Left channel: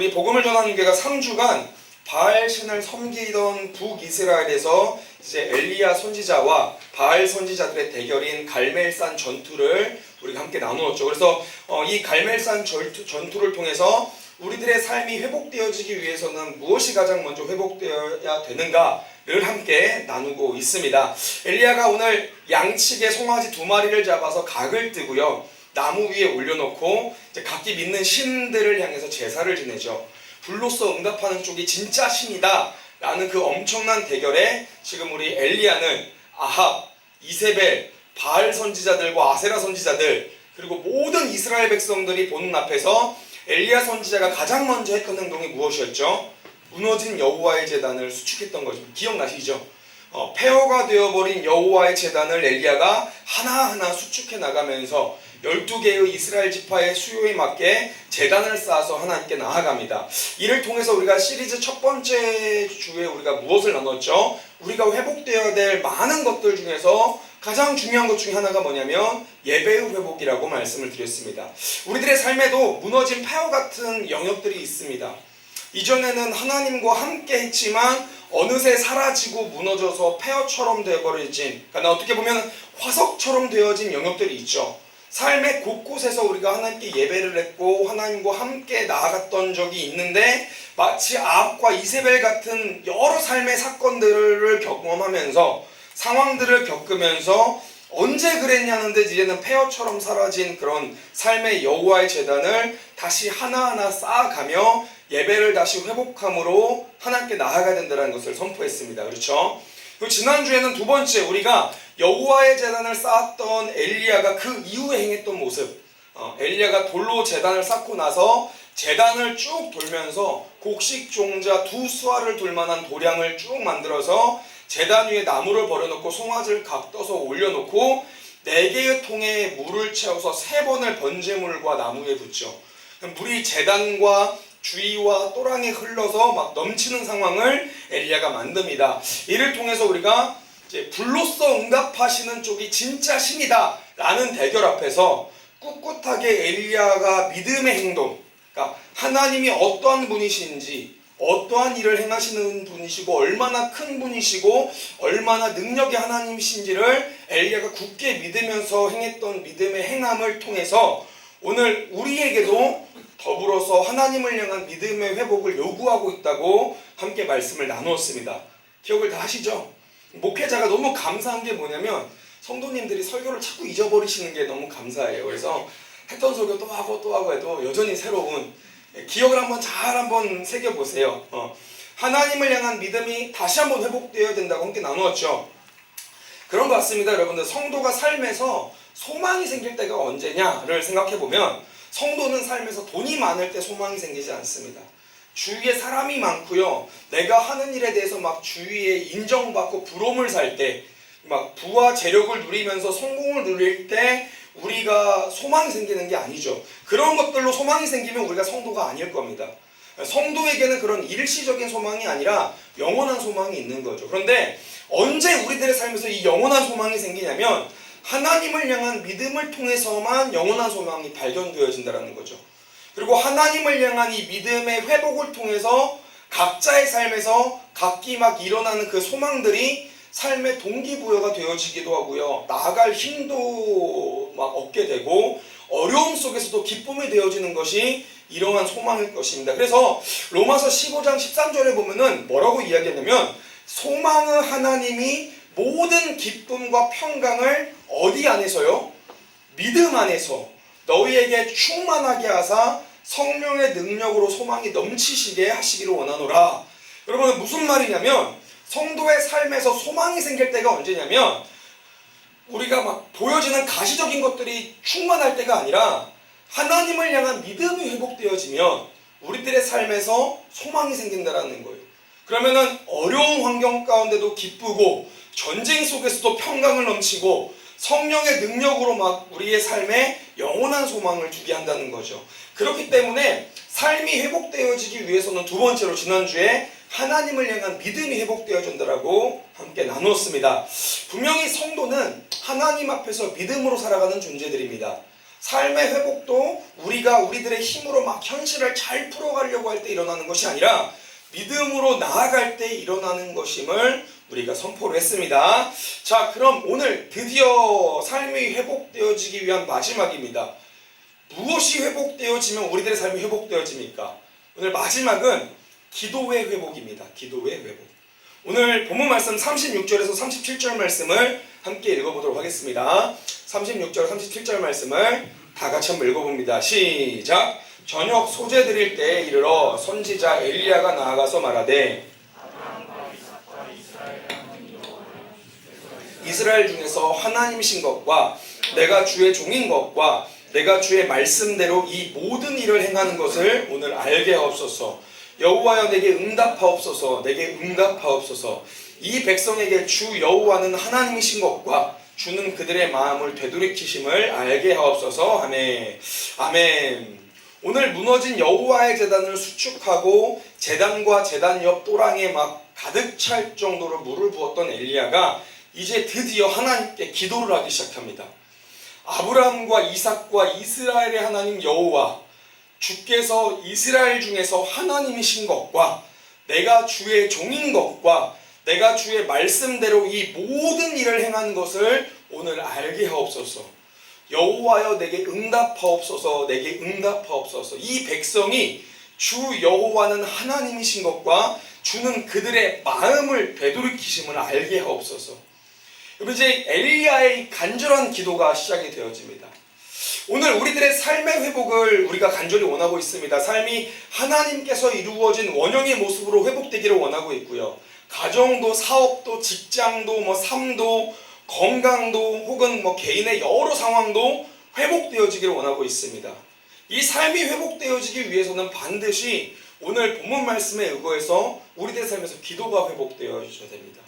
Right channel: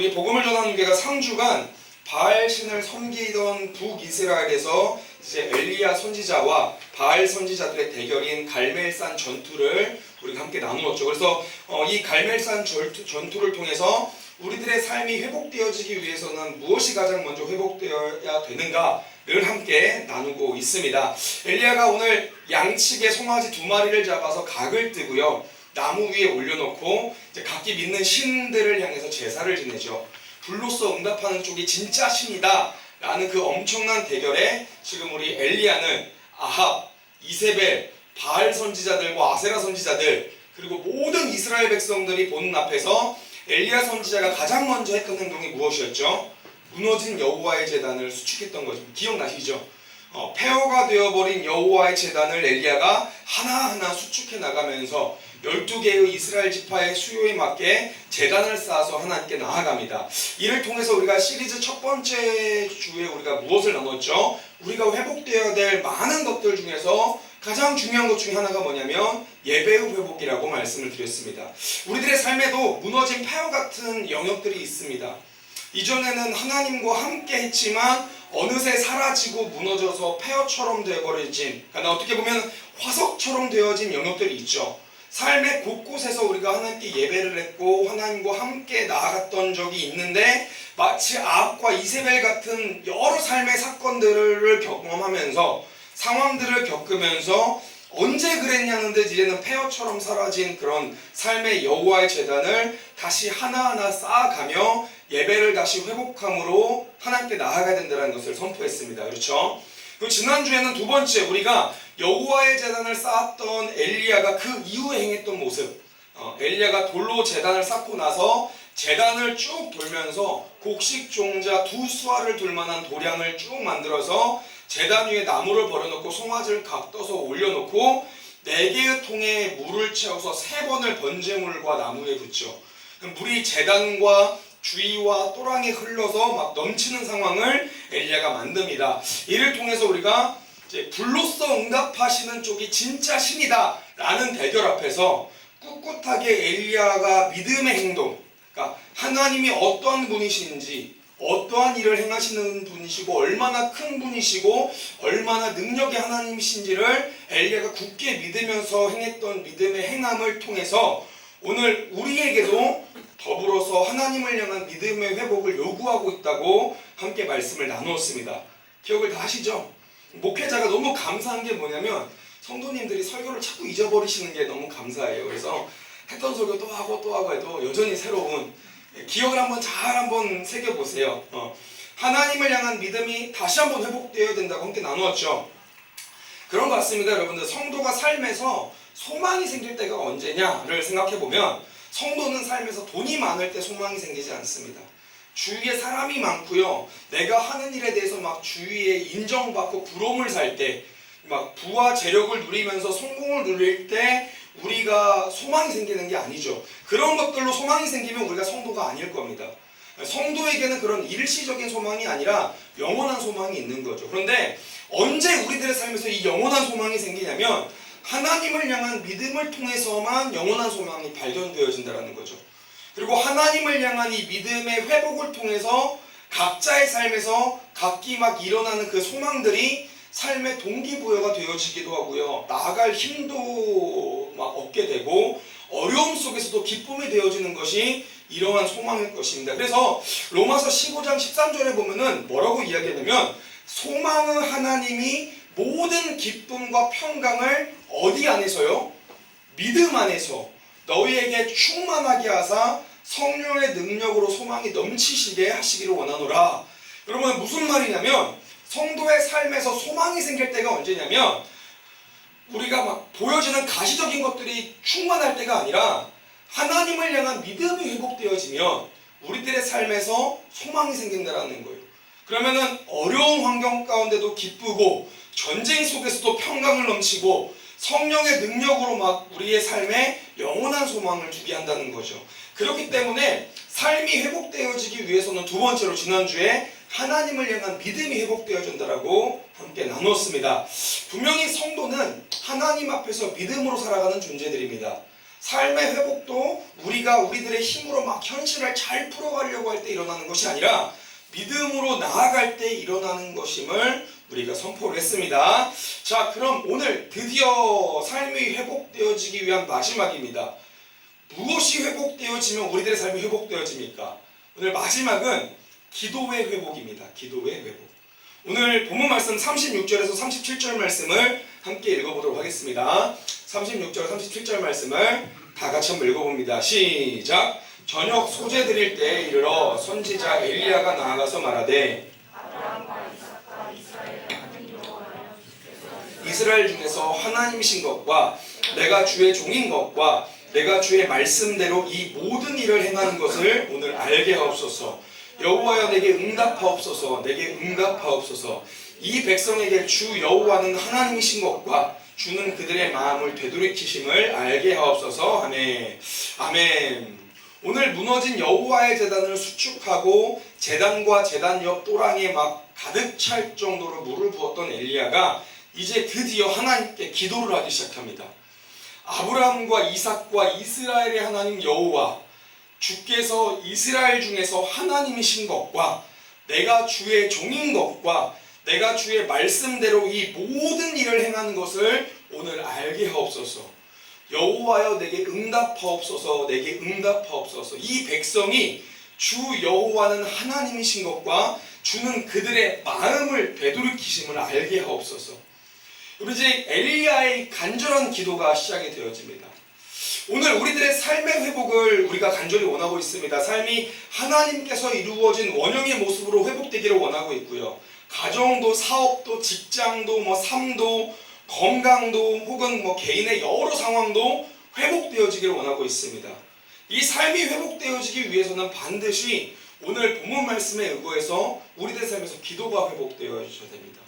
우리 복음을 전하는 교회가 3주간 바알 신을 섬기던 북이스라엘에서 이제 엘리야 선지자와 바알 선지자들의 대결인 갈멜산 전투를 우리가 함께 나누었죠. 그래서 이 갈멜산 전투를 통해서 우리들의 삶이 회복되어지기 위해서는 무엇이 가장 먼저 회복되어야 되는가를 함께 나누고 있습니다. 엘리야가 오늘 양측에 송아지 2마리를 잡아서 각을 뜨고요, 나무 위에 올려놓고 이제 각기 믿는 신들을 향해서 제사를 지내죠. 불로써 응답하는 쪽이 진짜 신이다 라는 그 엄청난 대결에 지금 우리 엘리야는 아합, 이세벨, 바알 선지자들과 아세라 선지자들, 그리고 모든 이스라엘 백성들이 보는 앞에서 엘리야 선지자가 가장 먼저 했던 행동이 무엇이었죠? 무너진 여호와의 제단을 수축했던 거죠. 기억나시죠? 폐허가 되어버린 여호와의 제단을 엘리야가 하나하나 수축해 나가면서 12개의 이스라엘 지파의 수요에 맞게 제단을 쌓아서 하나님께 나아갑니다. 이를 통해서 우리가 시리즈 첫 번째 주에 우리가 무엇을 나눴죠? 우리가 회복되어야 될 많은 것들 중에서 가장 중요한 것 중에 하나가 뭐냐면 예배의 회복이라고 말씀을 드렸습니다. 우리들의 삶에도 무너진 폐허 같은 영역들이 있습니다. 이전에는 하나님과 함께 했지만 어느새 사라지고 무너져서 폐허처럼 되어버려진, 그러니까 어떻게 보면 화석처럼 되어진 영역들이 있죠. 삶의 곳곳에서 우리가 하나님께 예배를 했고 하나님과 함께 나아갔던 적이 있는데 마치 아합과 이세벨 같은 여러 삶의 사건들을 경험하면서 상황들을 겪으면서 언제 그랬냐는데 이제는 폐허처럼 사라진 그런 삶의 여호와의 제단을 다시 하나하나 쌓아가며 예배를 다시 회복함으로 하나님께 나아가야 된다는 것을 선포했습니다. 그렇죠? 그리고 지난주에는 두 번째, 우리가 여호와의 제단을 쌓았던 엘리야가 그 이후에 행했던 모습, 엘리야가 돌로 제단을 쌓고 나서 제단을 쭉 돌면서 곡식 종자 2수알을 둘 만한 도량을 쭉 만들어서 제단 위에 나무를 버려놓고 송아지를 각 떠서 올려놓고 4개의 통에 물을 채워서 3번을 번제물과 나무에 붓죠. 물이 제단과 주위와 또랑에 흘러서 막 넘치는 상황을 엘리야가 만듭니다. 이를 통해서 우리가 이제 불로써 응답하시는 쪽이 진짜 신이다 라는 대결 앞에서 꿋꿋하게 엘리야가 믿음의 행동, 그러니까 하나님이 어떠한 분이신지, 어떠한 일을 행하시는 분이시고 얼마나 큰 분이시고 얼마나 능력의 하나님이신지를 엘리야가 굳게 믿으면서 행했던 믿음의 행함을 통해서 오늘 우리에게도 더불어서 하나님을 향한 믿음의 회복을 요구하고 있다고 함께 말씀을 나누었습니다. 기억을 다 하시죠? 목회자가 너무 감사한 게 뭐냐면 성도님들이 설교를 자꾸 잊어버리시는 게 너무 감사해요. 그래서 했던 설교 또 하고 해도 여전히 새로운, 기억을 한번 새겨보세요. 하나님을 향한 믿음이 다시 한번 회복되어야 된다고 함께 나누었죠. 그런 것 같습니다. 여러분들, 성도가 삶에서 소망이 생길 때가 언제냐를 생각해보면 성도는 삶에서 돈이 많을 때 소망이 생기지 않습니다. 주위에 사람이 많고요, 내가 하는 일에 대해서 막 주위에 인정받고 부러움을 살 때, 막 부와 재력을 누리면서 성공을 누릴 때 우리가 소망이 생기는 게 아니죠. 그런 것들로 소망이 생기면 우리가 성도가 아닐 겁니다. 성도에게는 그런 일시적인 소망이 아니라 영원한 소망이 있는 거죠. 그런데 언제 우리들의 삶에서 이 영원한 소망이 생기냐면 하나님을 향한 믿음을 통해서만 영원한 소망이 발견되어진다는 거죠. 그리고 하나님을 향한 이 믿음의 회복을 통해서 각자의 삶에서 각기 막 일어나는 그 소망들이 삶의 동기부여가 되어지기도 하고요, 나아갈 힘도 막 얻게 되고 어려움 속에서도 기쁨이 되어지는 것이 이러한 소망일 것입니다. 그래서 로마서 15장 13절에 보면은 뭐라고 이야기하냐면 소망의 하나님이 모든 기쁨과 평강을 어디 안에서요? 믿음 안에서 너희에게 충만하게 하사 성령의 능력으로 소망이 넘치시게 하시기를 원하노라. 여러분, 무슨 말이냐면 성도의 삶에서 소망이 생길 때가 언제냐면 우리가 막 보여지는 가시적인 것들이 충만할 때가 아니라 하나님을 향한 믿음이 회복되어지면 우리들의 삶에서 소망이 생긴다는 거예요. 그러면은 어려운 환경 가운데도 기쁘고 전쟁 속에서도 평강을 넘치고 성령의 능력으로 막 우리의 삶에 영원한 소망을 두게 한다는 거죠. 그렇기 때문에 삶이 회복되어지기 위해서는 두 번째로 지난주에 하나님을 향한 믿음이 회복되어진다라고 함께 나누었습니다. 분명히 성도는 하나님 앞에서 믿음으로 살아가는 존재들입니다. 삶의 회복도 우리가 우리들의 힘으로 막 현실을 잘 풀어가려고 할 때 일어나는 것이 아니라 믿음으로 나아갈 때 일어나는 것임을 우리가 선포를 했습니다. 자, 그럼 오늘 드디어 삶이 회복되어지기 위한 마지막입니다. 무엇이 회복되어지면 우리들의 삶이 회복되어집니까? 오늘 마지막은 기도의 회복입니다. 기도의 회복. 오늘 본문 말씀 36절에서 37절 말씀을 함께 읽어보도록 하겠습니다. 36절 37절 말씀을 다 같이 한번 읽어봅니다. 시작. 저녁 소재 드릴 때에 이르러 선지자 엘리야가 나아가서 말하되 이스라엘 중에서 하나님이신 것과 내가 주의 종인 것과 내가 주의 말씀대로 이 모든 일을 행하는 것을 오늘 알게 하옵소서. 여호와여 내게 응답하옵소서. 내게 응답하옵소서. 이 백성에게 주 여호와는 하나님이신 것과 주는 그들의 마음을 되돌이키심을 알게 하옵소서. 아멘. 아멘. 오늘 무너진 여호와의 제단을 수축하고 제단과 제단 옆 또랑에 막 가득 찰 정도로 물을 부었던 엘리야가 이제 드디어 하나님께 기도를 하기 시작합니다. 아브라함과 이삭과 이스라엘의 하나님 여호와, 주께서 이스라엘 중에서 하나님이신 것과 내가 주의 종인 것과 내가 주의 말씀대로 이 모든 일을 행한 것을 오늘 알게 하옵소서. 여호와여 내게 응답하옵소서. 내게 응답하옵소서. 이 백성이 주 여호와는 하나님이신 것과 주는 그들의 마음을 되돌이키심을 알게 하옵소서. 여러분, 이제 엘리야의 간절한 기도가 시작이 되어집니다. 오늘 우리들의 삶의 회복을 우리가 간절히 원하고 있습니다. 삶이 하나님께서 이루어진 원형의 모습으로 회복되기를 원하고 있고요. 가정도, 사업도, 직장도, 삶도, 건강도, 혹은 개인의 여러 상황도 회복되어지기를 원하고 있습니다. 이 삶이 회복되어지기 위해서는 반드시 오늘 본문 말씀에 의거해서 우리들의 삶에서 기도가 회복되어져야 됩니다.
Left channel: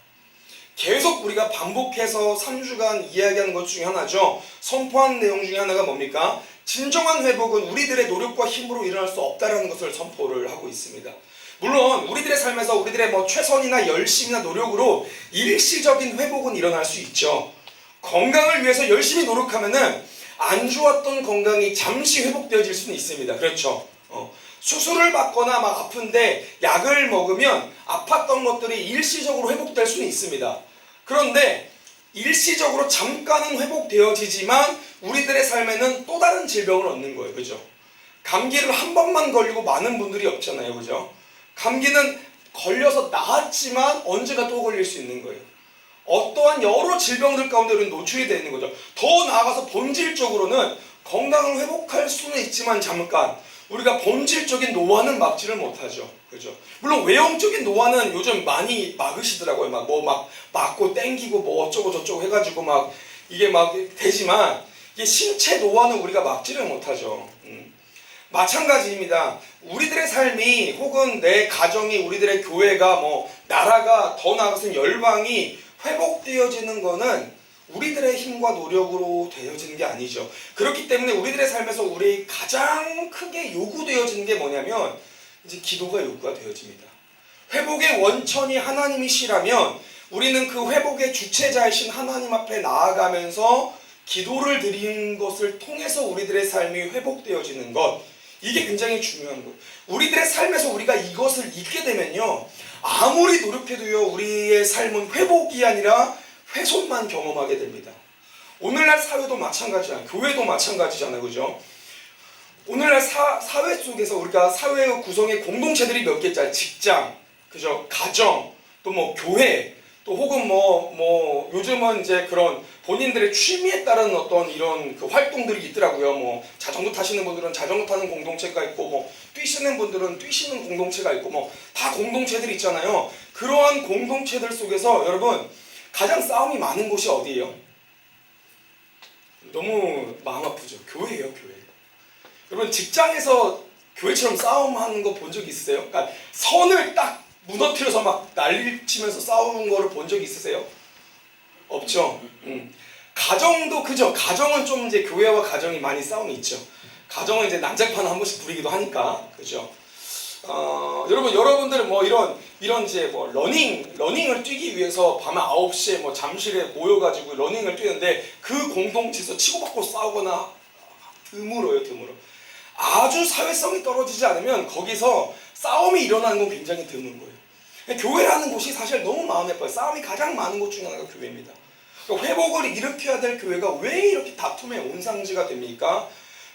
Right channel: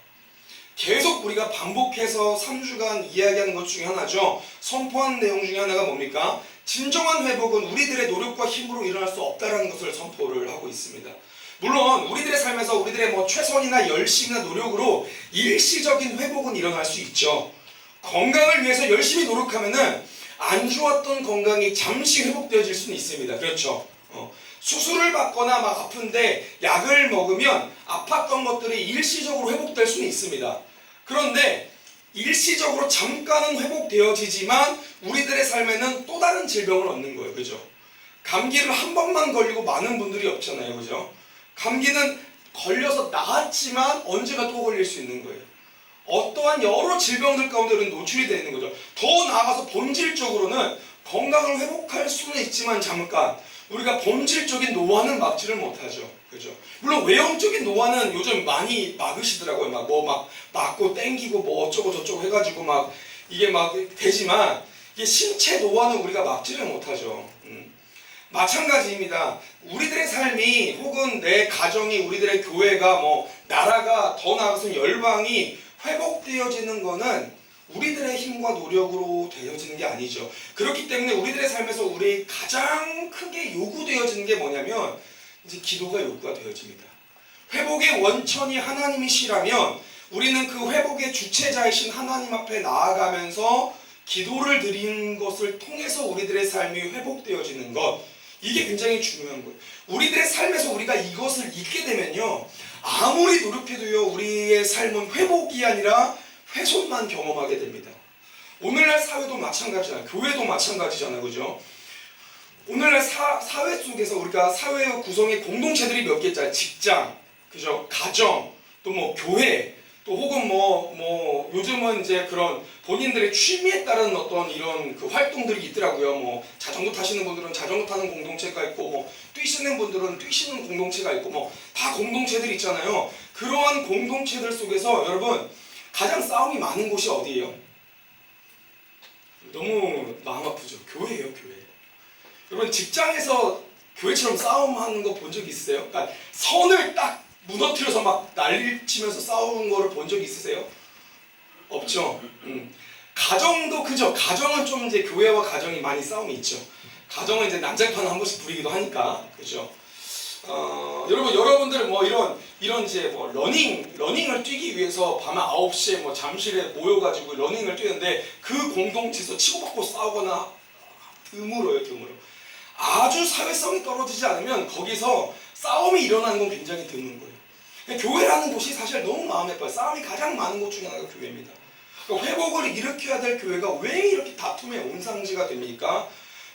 계속 우리가 반복해서 3주간 이야기하는 것 중에 하나죠. 선포한 내용 중에 하나가 뭡니까? 진정한 회복은 우리들의 노력과 힘으로 일어날 수 없다는 것을 선포를 하고 있습니다. 물론 우리들의 삶에서 우리들의 최선이나 열심이나 노력으로 일시적인 회복은 일어날 수 있죠. 건강을 위해서 열심히 노력하면은 안 좋았던 건강이 잠시 회복되어질 수는 있습니다. 그렇죠. 수술을 받거나 아픈데 약을 먹으면 아팠던 것들이 일시적으로 회복될 수는 있습니다. 그런데 일시적으로 잠깐은 회복되어지지만 우리들의 삶에는 또 다른 질병을 얻는 거예요. 그죠? 감기를 한 번만 걸리고 많은 분들이 없잖아요. 그죠? 감기는 걸려서 나았지만 언제가 또 걸릴 수 있는 거예요. 어떠한 여러 질병들 가운데 우리는 노출이 되어 있는 거죠. 더 나아가서 본질적으로는 건강을 회복할 수는 있지만 잠깐 우리가 본질적인 노화는 막지를 못하죠. 그죠? 물론 외형적인 노화는 요즘 많이 막으시더라고요. 막고 땡기고 어쩌고 저쩌고 해가지고 이게 되지만 이게 신체 노화는 우리가 막지를 못하죠. 마찬가지입니다. 우리들의 삶이 혹은 내 가정이 우리들의 교회가 나라가 더 나아가서 열방이 회복되어지는 거는 우리들의 힘과 노력으로 되어지는 게 아니죠. 그렇기 때문에 우리들의 삶에서 우리 가장 크게 요구되어지는 게 뭐냐면 이제 기도가 요구가 되어집니다. 회복의 원천이 하나님이시라면 우리는 그 회복의 주체자이신 하나님 앞에 나아가면서 기도를 드리는 것을 통해서 우리들의 삶이 회복되어지는 것, 이게 굉장히 중요한 거예요. 우리들의 삶에서 우리가 이것을 잊게 되면요, 아무리 노력해도요 우리의 삶은 회복이 아니라 훼손만 경험하게 됩니다. 오늘날 사회도 마찬가지잖아요. 교회도 마찬가지잖아요. 그죠? 오늘날 사회 속에서 우리가 사회의 구성의 공동체들이 몇 개 있잖아요. 직장, 그죠? 가정, 또 교회, 또 혹은 요즘은 이제 그런 본인들의 취미에 따른 어떤 이런 그 활동들이 있더라고요. 자전거 타시는 분들은 자전거 타는 공동체가 있고, 뛰시는 분들은 뛰시는 공동체가 있고, 다 공동체들이 있잖아요. 그러한 공동체들 속에서 여러분, 가장 싸움이 많은 곳이 어디예요? 너무 마음 아프죠. 교회예요, 교회. 여러분, 직장에서 교회처럼 싸움하는 거 본 적 있으세요? 그러니까 선을 딱 무너뜨려서 난리치면서 싸우는 거를 본 적 있으세요? 없죠. 가정도 그죠. 가정은 좀 이제 교회와 가정이 많이 싸움이 있죠. 가정은 이제 난장판 한 번씩 부리기도 하니까, 그죠. 여러분들은 이런 이제 러닝을 뛰기 위해서 밤에 9시에 잠실에 모여가지고 러닝을 뛰는데 그 공동체에서 치고받고 싸우거나 드물어요, 드물어. 아주 사회성이 떨어지지 않으면 거기서 싸움이 일어나는 건 굉장히 드문 거예요. 교회라는 곳이 사실 너무 마음에 아파요. 싸움이 가장 많은 곳 중에 하나가 교회입니다. 그러니까 회복을 일으켜야 될 교회가 왜 이렇게 다툼의 온상지가 됩니까?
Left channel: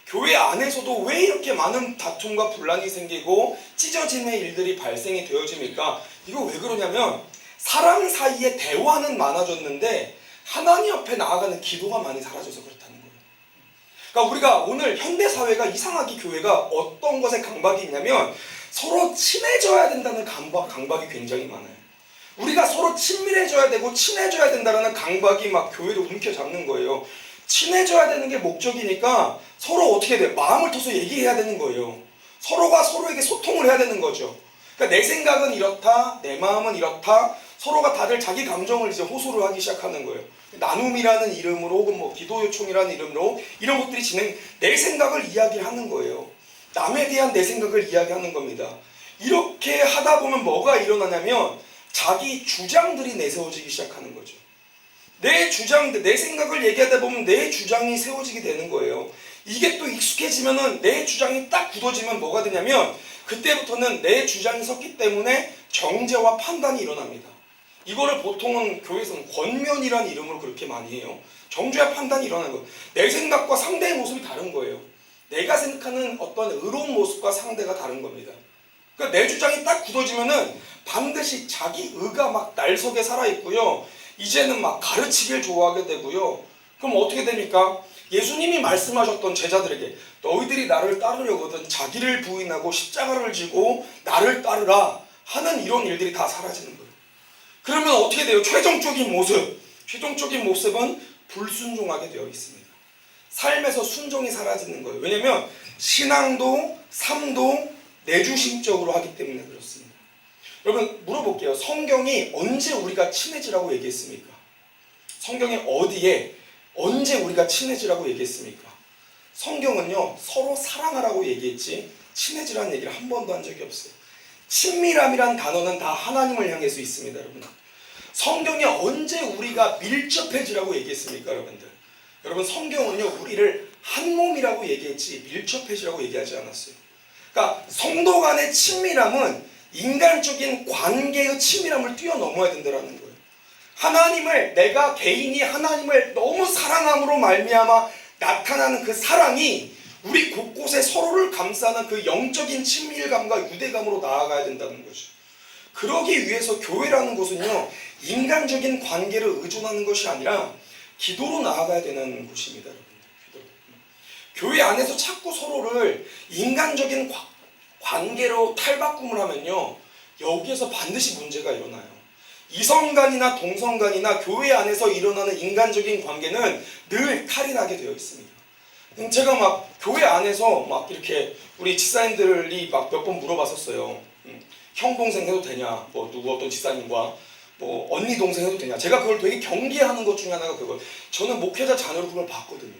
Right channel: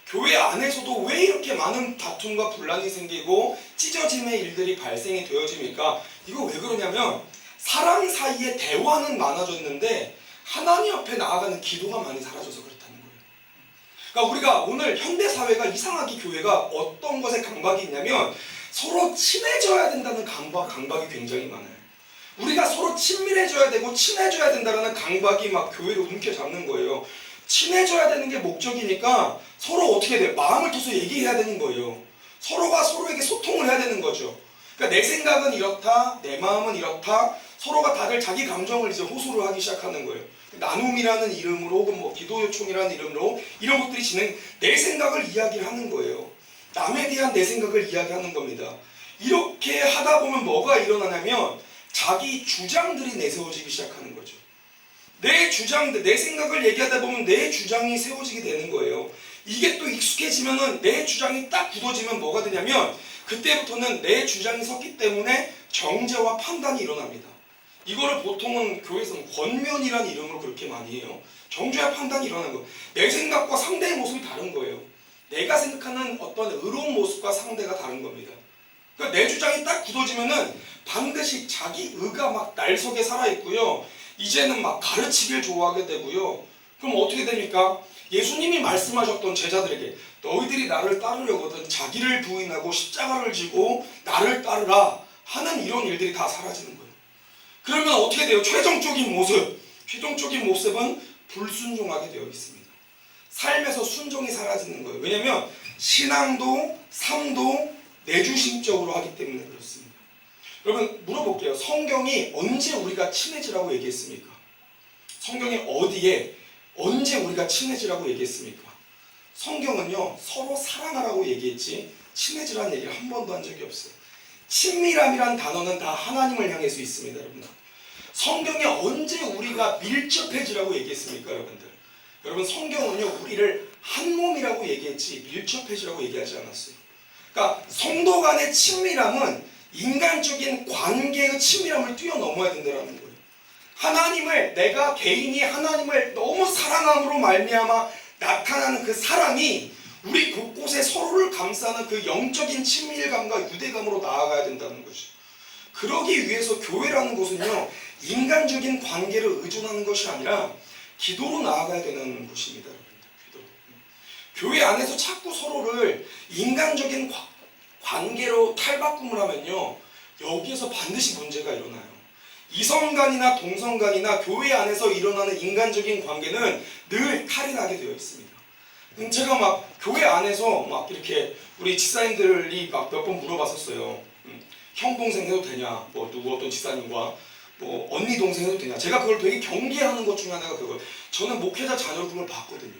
교회 안에서도 왜 이렇게 많은 다툼과 분란이 생기고 찢어짐의 일들이 발생이 되어집니까? 이거 왜 그러냐면 사람 사이에 대화는 많아졌는데 하나님 앞에 나아가는 기도가 많이 사라져서 그렇다는 거예요. 그러니까 우리가 오늘 현대사회가 이상하게 교회가 어떤 것에 강박이 있냐면 서로 친해져야 된다는 강박이 굉장히 많아요. 우리가 서로 친밀해져야 되고 친해져야 된다는 강박이 막 교회를 움켜잡는 거예요. 친해져야 되는 게 목적이니까 서로 어떻게 돼요? 마음을 터서 얘기해야 되는 거예요. 서로가 서로에게 소통을 해야 되는 거죠. 그러니까 내 생각은 이렇다, 내 마음은 이렇다, 서로가 다들 자기 감정을 이제 호소를 하기 시작하는 거예요. 나눔이라는 이름으로 혹은 뭐 기도 요청이라는 이름으로 이런 것들이 내 생각을 이야기하는 거예요. 남에 대한 내 생각을 이야기하는 겁니다. 이렇게 하다 보면 뭐가 일어나냐면 자기 주장들이 내세워지기 시작하는 거죠. 내 주장들, 내 생각을 얘기하다 보면 내 주장이 세워지게 되는 거예요. 이게 또 익숙해지면은 내 주장이 딱 굳어지면 뭐가 되냐면 그때부터는 내 주장이 섰기 때문에 정죄와 판단이 일어납니다. 이거를 보통은 교회에서는 권면이라는 이름으로 그렇게 많이 해요. 정죄와 판단이 일어나는 거. 내 생각과 상대의 모습이 다른 거예요. 내가 생각하는 어떤 의로운 모습과 상대가 다른 겁니다. 그러니까 내 주장이 딱 굳어지면은 반드시 자기 의가 막 날 속에 살아있고요. 이제는 막 가르치길 좋아하게 되고요. 그럼 어떻게 됩니까? 예수님이 말씀하셨던 제자들에게 너희들이 나를 따르려거든 자기를 부인하고 십자가를 지고 나를 따르라 하는 이런 일들이 다 사라지는 거예요. 그러면 어떻게 돼요? 최종적인 모습은 불순종하게 되어 있습니다. 삶에서 순종이 사라지는 거예요. 왜냐하면 신앙도 삶도 내주심적으로 하기 때문에 그렇습니다. 여러분 물어볼게요. 성경이 언제 우리가 친해지라고 얘기했습니까? 성경이 어디에 언제 우리가 친해지라고 얘기했습니까? 성경은요 서로 사랑하라고 얘기했지 친해지라는 얘기를 한 번도 한 적이 없어요. 친밀함이란 단어는 다 하나님을 향해서 있습니다. 여러분 성경이 언제 우리가 밀접해지라고 얘기했습니까? 여러분 성경은요 우리를 한 몸이라고 얘기했지 밀접해지라고 얘기하지 않았어요. 그러니까 성도 간의 친밀함은 인간적인 관계의 친밀함을 뛰어넘어야 된다는 거예요. 내가 개인이 하나님을 너무 사랑함으로 말미암아 나타나는 그 사랑이 우리 곳곳에 서로를 감싸는 그 영적인 친밀감과 유대감으로 나아가야 된다는 거죠. 그러기 위해서 교회라는 곳은요 인간적인 관계를 의존하는 것이 아니라 기도로 나아가야 되는 곳입니다. 교회 안에서 자꾸 서로를 인간적인 관계로 탈바꿈을 하면요 여기에서 반드시 문제가 일어나요. 이성간이나 동성간이나 교회 안에서 일어나는 인간적인 관계는 늘 탈이 나게 되어 있습니다. 제가 막 교회 안에서 막 이렇게 우리 집사님들이 막 몇 번 물어봤었어요. 형 동생 해도 되냐? 뭐 누구 어떤 집사님과 뭐 언니 동생 해도 되냐? 제가 그걸 되게 경계하는 것 중에 하나가 그걸. 저는 목회자 자녀로 그걸 봤거든요.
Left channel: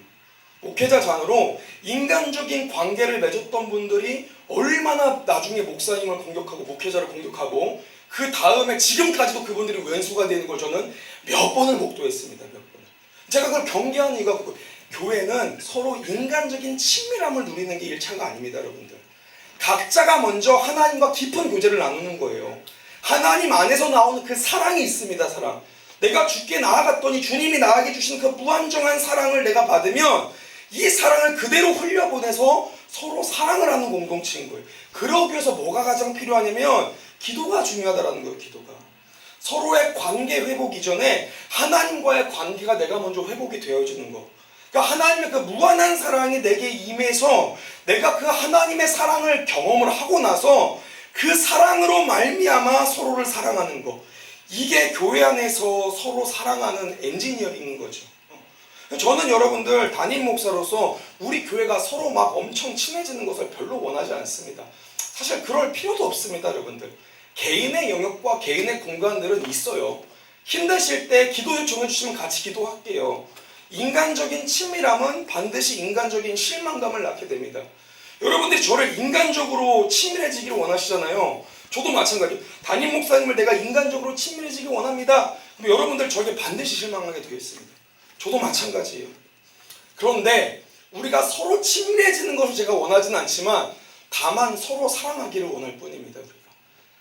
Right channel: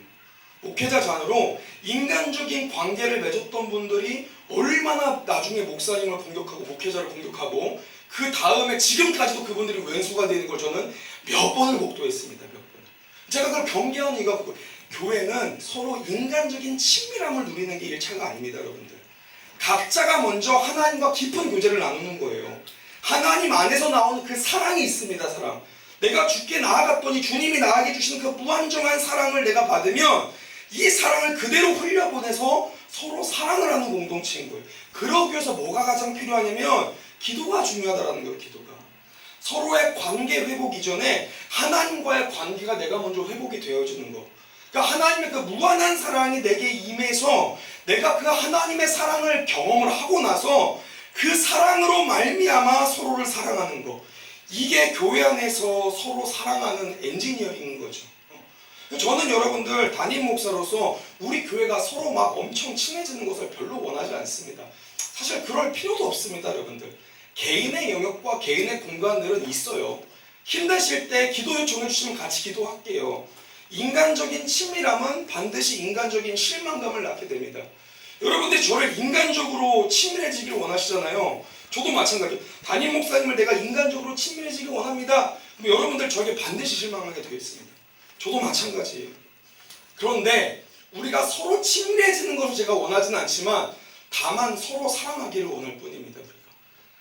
목회자 자녀로 인간적인 관계를 맺었던 분들이 얼마나 나중에 목사님을 공격하고 목회자를 공격하고 그 다음에 지금까지도 그분들이 왼수가 되는 걸 저는 몇 번을 목도했습니다. 몇 번을. 제가 그걸 경계하는 이유가 교회는 서로 인간적인 친밀함을 누리는 게 1차가 아닙니다. 여러분들. 각자가 먼저 하나님과 깊은 교제를 나누는 거예요. 하나님 안에서 나오는 그 사랑이 있습니다. 사랑. 내가 주께 나아갔더니 주님이 나에게 주신 그 무한정한 사랑을 내가 받으면 이 사랑을 그대로 흘려보내서 서로 사랑을 하는 공동체인 거예요. 그러기 위해서 뭐가 가장 필요하냐면 기도가 중요하다는 거예요. 기도가. 서로의 관계 회복 이전에 하나님과의 관계가 내가 먼저 회복이 되어지는 거. 그러니까 하나님의 그 무한한 사랑이 내게 임해서 내가 그 하나님의 사랑을 경험을 하고 나서 그 사랑으로 말미암아 서로를 사랑하는 거. 이게 교회 안에서 서로 사랑하는 엔지니어링인 거죠. 저는 여러분들 담임 목사로서 우리 교회가 서로 막 엄청 친해지는 것을 별로 원하지 않습니다. 사실 그럴 필요도 없습니다. 여러분들. 개인의 영역과 개인의 공간들은 있어요. 힘드실 때 기도 요청해 주시면 같이 기도할게요. 인간적인 친밀함은 반드시 인간적인 실망감을 낳게 됩니다. 여러분들이 저를 인간적으로 친밀해지기를 원하시잖아요. 저도 마찬가지예요. 담임 목사님을 내가 인간적으로 친밀해지기 원합니다. 그럼 여러분들 저에게 반드시 실망하게 되어 있습니다. 저도 마찬가지예요. 그런데 우리가 서로 친밀해지는 것을 제가 원하지는 않지만 다만 서로 사랑하기를 원할 뿐입니다. 우리가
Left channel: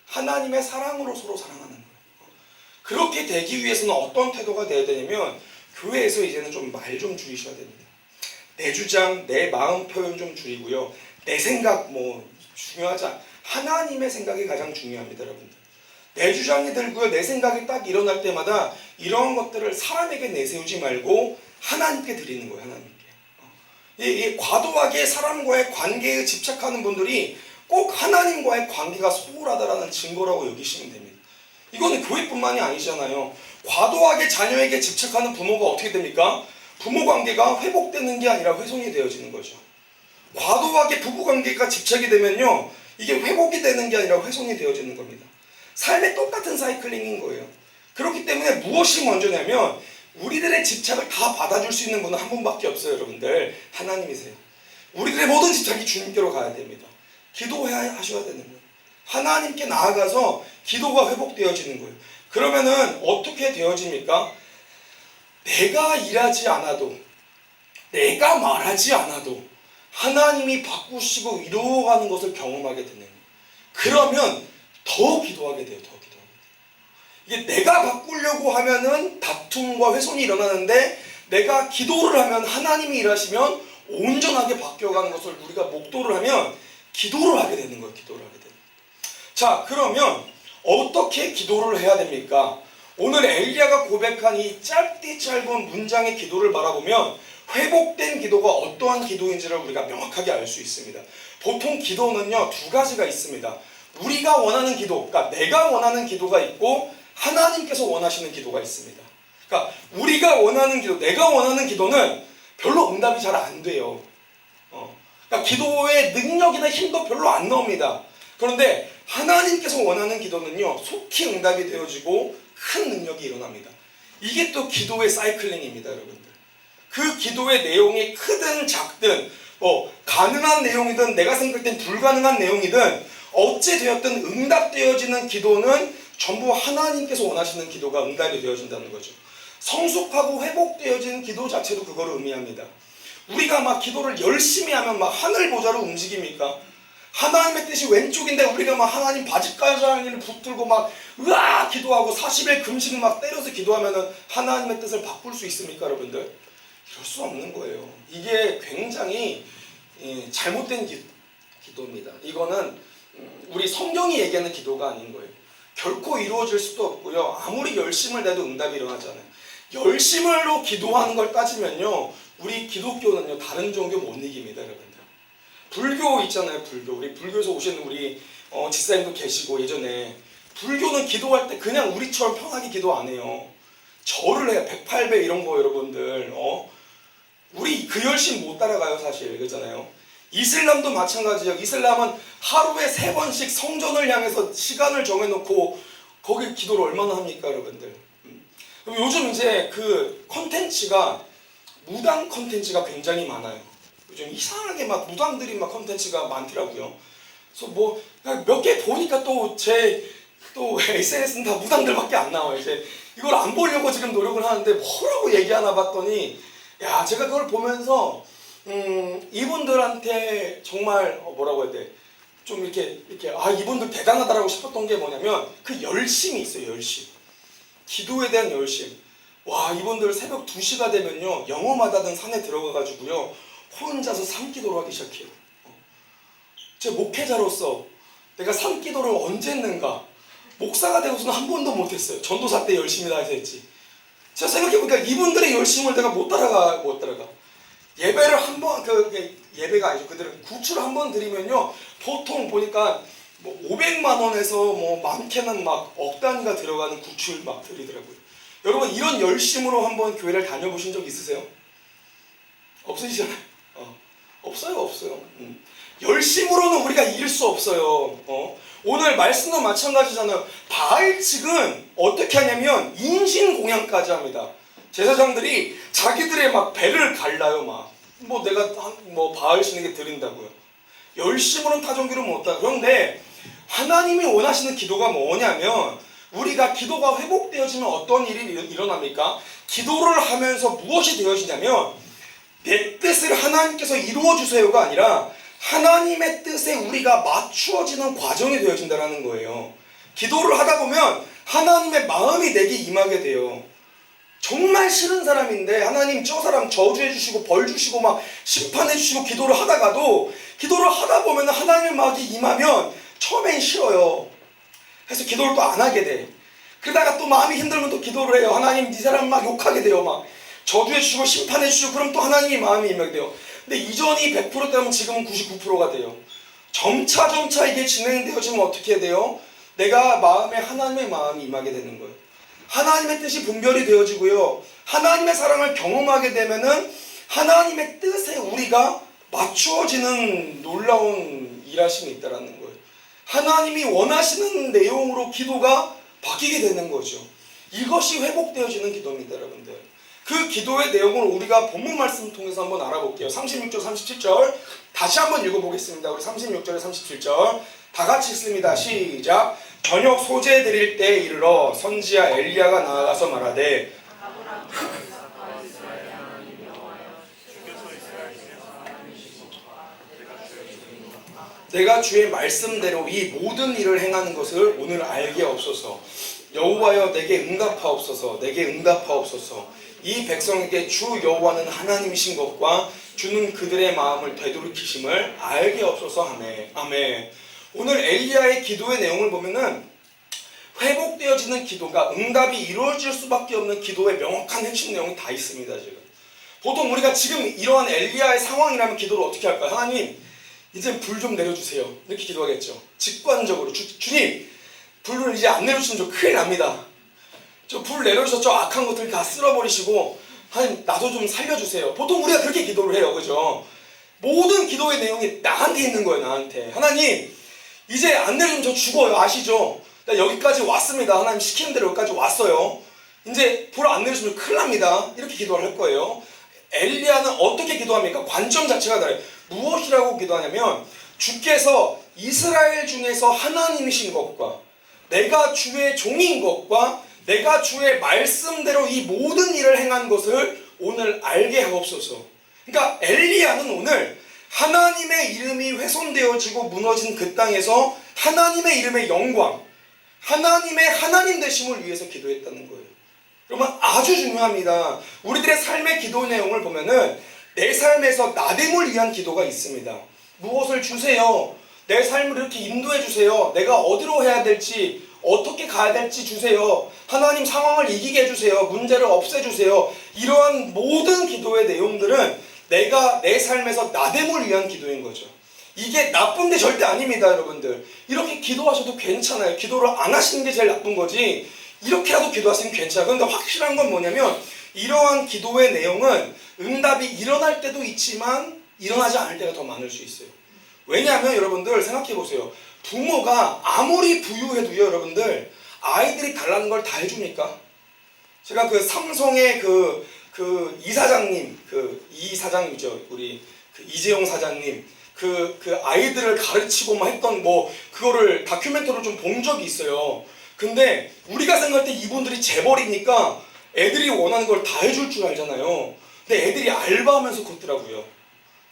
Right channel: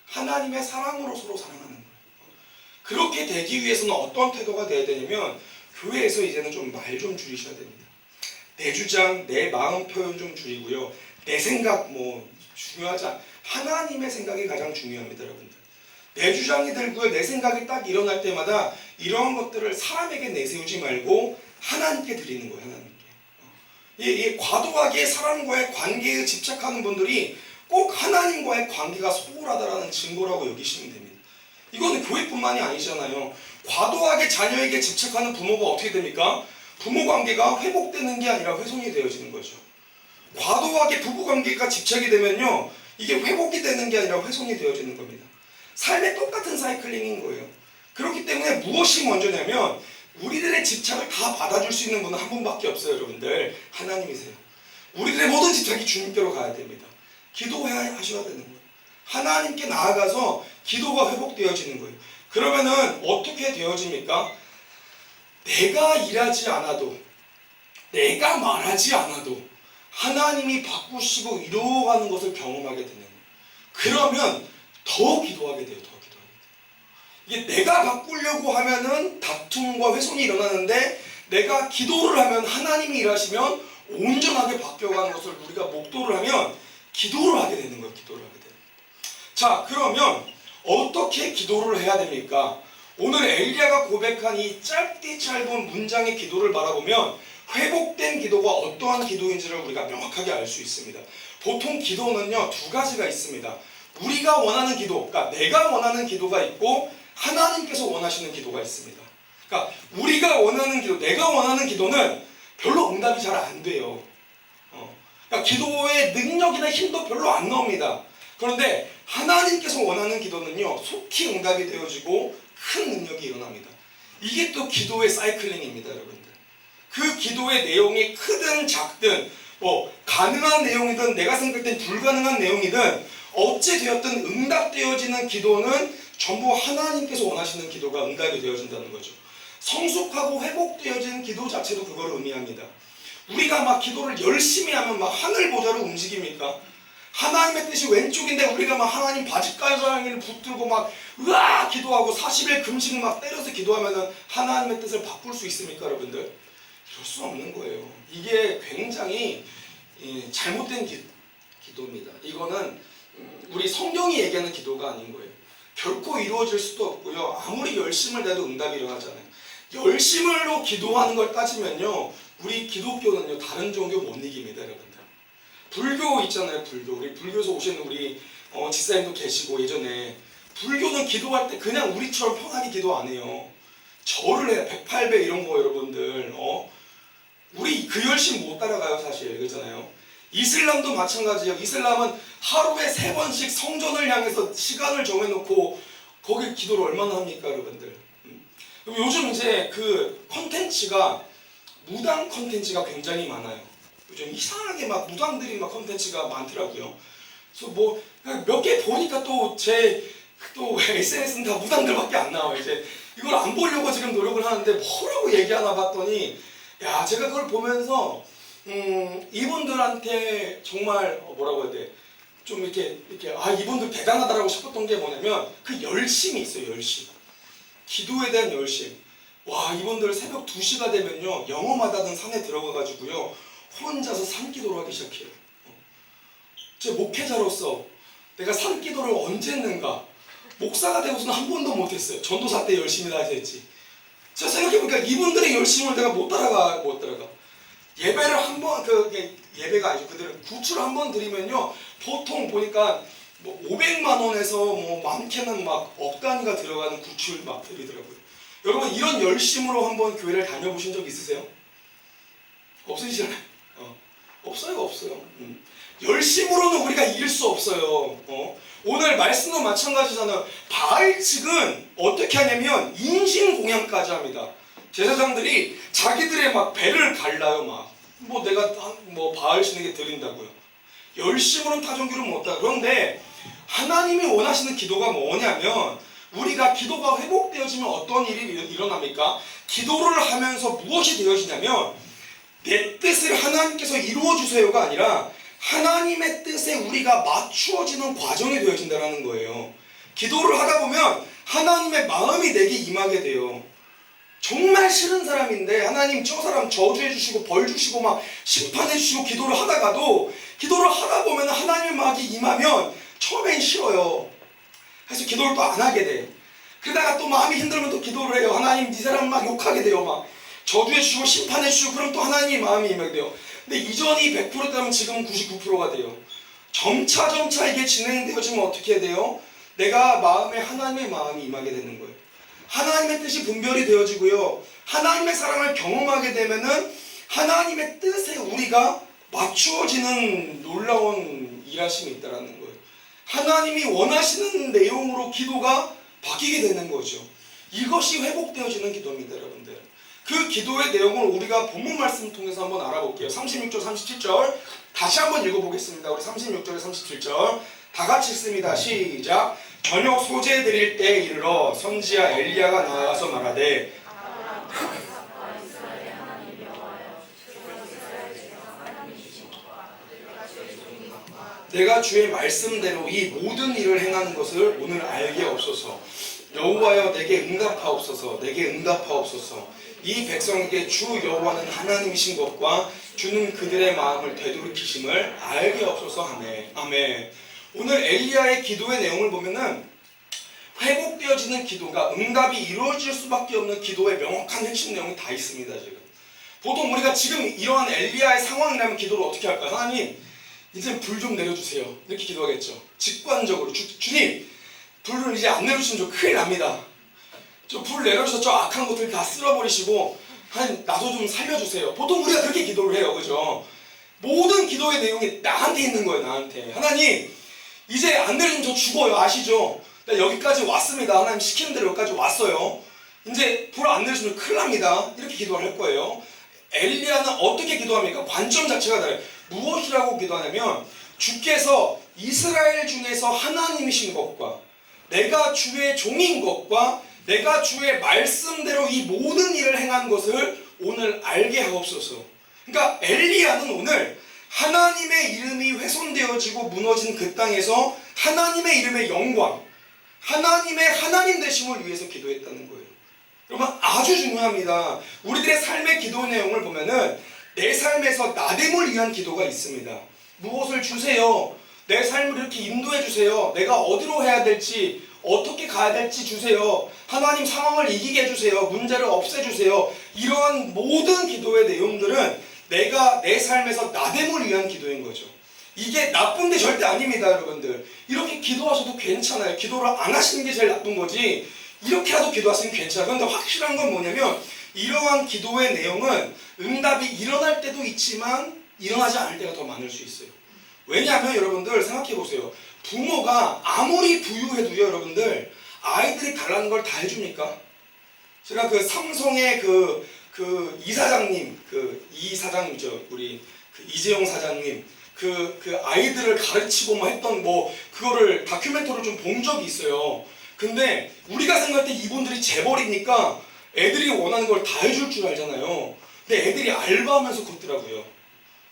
하나님의 사랑으로 서로 사랑하는 거예요. 그렇게 되기 위해서는 어떤 태도가 되어야 되냐면 교회에서 이제는 좀 말 좀 줄이셔야 됩니다. 내 주장, 내 마음 표현 좀 줄이고요. 내 생각 뭐 중요하지 않아. 하나님의 생각이 가장 중요합니다, 여러분들. 내 주장이 들고요. 내 생각이 딱 일어날 때마다 이런 것들을 사람에게 내세우지 말고 하나님께 드리는 거예요, 하나님께. 이 과도하게 사람과의 관계에 집착하는 분들이 꼭 하나님과의 관계가 소홀하다라는 증거라고 여기시면 됩니다. 이거는 교회뿐만이 아니잖아요. 과도하게 자녀에게 집착하는 부모가 어떻게 됩니까? 부모 관계가 회복되는 게 아니라 훼손이 되어지는 거죠. 과도하게 부부 관계가 집착이 되면요, 이게 회복이 되는 게 아니라 훼손이 되어지는 겁니다. 삶의 똑같은 사이클링인 거예요. 그렇기 때문에 무엇이 먼저냐면 우리들의 집착을 다 받아줄 수 있는 분은 한 분밖에 없어요, 여러분들. 하나님이세요. 우리들의 모든 집착이 주님께로 가야 됩니다. 기도하셔야 되는 거예요. 하나님께 나아가서 기도가 회복되어지는 거예요. 그러면은 어떻게 되어집니까? 내가 일하지 않아도, 내가 말하지 않아도 하나님이 바꾸시고 이루어가는 것을 경험하게 되는 거예요. 그러면 더 기도하게 돼요. 더 기도하게 돼요. 이게 내가 바꾸려고 하면은 다툼과 훼손이 일어나는데 내가 기도를 하면 하나님이 일하시면 온전하게 바뀌어가는 것을 우리가 목도를 하면 기도를 하게 되는 거예요. 기도를 하게 되는 거예요. 자, 그러면 어떻게 기도를 해야 됩니까? 오늘 엘리야가 고백한 이 짧디 짧은 문장의 기도를 바라보면 회복된 기도가 어떠한 기도인지를 우리가 명확하게 알 수 있습니다. 보통 기도는요, 두 가지가 있습니다. 우리가 원하는 기도, 그러니까 내가 원하는 기도가 있고 하나님께서 원하시는 기도가 있습니다. 그러니까 우리가 원하는 기도, 내가 원하는 기도는 별로 응답이 잘 안 돼요. 그러니까 기도의 능력이나 힘도 별로 안 나옵니다. 그런데 하나님께서 원하는 기도는요, 속히 응답이 되어지고 큰 능력이 일어납니다. 이게 또 기도의 사이클링입니다, 여러분들. 그 기도의 내용이 크든 작든 가능한 내용이든 내가 생각할 땐 불가능한 내용이든 어찌 되었든 응답되어지는 기도는 전부 하나님께서 원하시는 기도가 응답이 되어진다는 거죠. 성숙하고 회복되어진 기도 자체도 그걸 의미합니다. 우리가 막 기도를 열심히 하면 막 하늘 보좌로 움직입니까? 하나님의 뜻이 왼쪽인데 우리가 막 하나님 바짓가랑이를 붙들고 막 으아 기도하고 40일 금식 막 때려서 기도하면은 하나님의 뜻을 바꿀 수 있습니까, 여러분들? 이럴 수 없는 거예요. 이게 굉장히 잘못된 기도입니다. 이거는 우리 성경이 얘기하는 기도가 아닌 거예요. 결코 이루어질 수도 없고요. 아무리 열심을 내도 응답이 일어나잖아요. 열심으로 기도하는 걸 따지면요, 우리 기독교는요 다른 종교 못 이깁니다, 여러분들. 불교 있잖아요, 불교. 우리 불교에서 오시는 우리 집사님도 계시고 예전에 불교는 기도할 때 그냥 우리처럼 편하게 기도 안 해요. 절을 해요. 108배 이런 거 여러분들. 우리 그 열심 못 따라가요, 사실. 그렇잖아요. 이슬람도 마찬가지예요. 이슬람은 하루에 3번씩 성전을 향해서 시간을 정해놓고 거기 기도를 얼마나 합니까, 여러분들? 요즘 이제 그 컨텐츠가 무당 컨텐츠가 굉장히 많아요. 요즘 이상하게 막 무당들이 막 컨텐츠가 많더라고요. 그래서 뭐 몇 개 보니까 또 SNS는 다 무당들밖에 안 나와요. 이제 이걸 안 보려고 지금 노력을 하는데 뭐라고 얘기하나 봤더니 야, 제가 그걸 보면서 이분들한테 정말 뭐라고 해야 돼? 좀 이렇게 이분들 대단하다라고 싶었던 게 뭐냐면 그 열심이 있어요. 열심. 기도에 대한 열심. 와, 이분들 새벽 2시가 되면요 영험하다는 산에 들어가가지고요 혼자서 산기도를 하기 시작해요. 제 목회자로서 내가 산기도를 언제 했는가? 목사가 되고서는 한 번도 못했어요. 전도사 때 열심히 다해서 했지. 제가 생각해보니까 이분들의 열심을 내가 못 따라가. 예배를 한 번, 예배가 아니죠. 그들은 구출을 한 번 드리면요 보통 보니까 뭐 500만 원에서 뭐 많게는 막 억 단위가 들어가는 구출 막 드리더라고요. 여러분 이런 열심으로 한번 교회를 다녀보신 적 있으세요? 없으시잖아요. 없어요. 열심으로는 우리가 이길 수 없어요. 오늘 말씀도 마찬가지잖아요. 바알 측은 어떻게 하냐면 인신공양까지 합니다. 제사장들이 자기들의 막 배를 갈라요. 내가 바알 신에게 드린다고요. 열심으로는 타종기를 못하고. 그런데 하나님이 원하시는 기도가 뭐냐면 우리가 기도가 회복되어지면 어떤 일이 일어납니까? 기도를 하면서 무엇이 되어지냐면 내 뜻을 하나님께서 이루어 주세요가 아니라 하나님의 뜻에 우리가 맞추어지는 과정이 되어진다는 거예요. 기도를 하다 보면 하나님의 마음이 내게 임하게 돼요. 정말 싫은 사람인데 하나님 저 사람 저주해 주시고 벌 주시고 막 심판해 주시고 기도를 하다가도 기도를 하다 보면 하나님의 마음이 임하면 처음엔 싫어요. 그래서 기도를 또 안 하게 돼. 그러다가 또 마음이 힘들면 또 기도를 해요. 하나님 이 사람 막 욕하게 돼요. 막 저주해 주시고 심판해 주시고 그럼 또 하나님의 마음이 임하게 돼요. 근데 이전이 100%되면 지금은 99%가 돼요. 점차 이게 진행되어지면 어떻게 돼요? 내가 마음에 하나님의 마음이 임하게 되는 거예요. 하나님의 뜻이 분별이 되어지고요. 하나님의 사랑을 경험하게 되면은 하나님의 뜻에 우리가 맞추어지는 놀라운 일하심이 있다라는 거예요. 하나님이 원하시는 내용으로 기도가 바뀌게 되는 거죠. 이것이 회복되어지는 기도입니다, 여러분들. 그 기도의 내용을 우리가 본문 말씀 통해서 한번 알아볼게요. 36절, 37절 다시 한번 읽어보겠습니다. 우리 36절에 37절 다 같이 읽습니다. 시작. 저녁 소재 드릴 때 이르러 선지자 엘리야가 나아가서 말하되 내가 주의 말씀대로 이 모든 일을 행하는 것을 오늘 알게 없소서. 여호와여 내게 응답하옵소서. 내게 응답하옵소서. 이 백성에게 주 여호와는 하나님이신 것과 주는 그들의 마음을 되돌이키심을 알게 없소서 하네. 아멘. 오늘 엘리야의 기도의 내용을 보면은 회복되어지는 기도가 응답이 이루어질 수밖에 없는 기도의 명확한 핵심 내용이 다 있습니다. 지금 보통 우리가 지금 이러한 엘리야의 상황이라면 기도를 어떻게 할까요? 하나님 이제 불 좀 내려주세요. 이렇게 기도하겠죠. 직관적으로 주님 불을 이제 안 내려주시면 저 큰일 납니다. 저 불 내려주셔서 저 악한 것들 다 쓸어버리시고 하나님 나도 좀 살려주세요. 보통 우리가 그렇게 기도를 해요. 그죠? 모든 기도의 내용이 나한테 있는 거예요. 나한테. 하나님 이제 안 내리면 저 죽어요. 아시죠? 나 여기까지 왔습니다. 하나님 시키는 대로 여기까지 왔어요. 이제 불 안 내려주면 큰일 납니다. 이렇게 기도를 할 거예요. 엘리야는 어떻게 기도합니까? 관점 자체가 달라요. 무엇이라고 기도하냐면 주께서 이스라엘 중에서 하나님이신 것과 내가 주의 종인 것과 내가 주의 말씀대로 이 모든 일을 행한 것을 오늘 알게 하옵소서. 그러니까 엘리야는 오늘 하나님의 이름이 훼손되어지고 무너진 그 땅에서 하나님의 이름의 영광, 하나님의 하나님 되심을 위해서 기도했다는 거예요. 여러분 아주 중요합니다. 우리들의 삶의 기도 내용을 보면은 내 삶에서 나됨을 위한 기도가 있습니다. 무엇을 주세요. 내 삶을 이렇게 인도해 주세요. 내가 어디로 해야 될지 어떻게 가야 될지 주세요. 하나님 상황을 이기게 해주세요. 문제를 없애주세요. 이러한 모든 기도의 내용들은 내가 내 삶에서 나됨을 위한 기도인 거죠. 이게 나쁜 게 절대 아닙니다, 여러분들. 이렇게 기도하셔도 괜찮아요. 기도를 안 하시는 게 제일 나쁜 거지. 이렇게라도 기도하시면 괜찮아요. 그런데 확실한 건 뭐냐면 이러한 기도의 내용은 응답이 일어날 때도 있지만 일어나지 않을 때가 더 많을 수 있어요. 왜냐하면 여러분들 생각해 보세요. 부모가 아무리 부유해도요, 여러분들 아이들이 달라는 걸 다 해줍니까? 제가 그 삼성의 그 이사장님, 이사장이죠, 우리 이재용 사장님, 그 아이들을 가르치고 막 했던 그거를 다큐멘터리를 좀 본 적이 있어요. 근데 우리가 생각할 때 이분들이 재벌이니까 애들이 원하는 걸 다 해줄 줄 알잖아요. 근데 애들이 알바하면서 걷더라고요.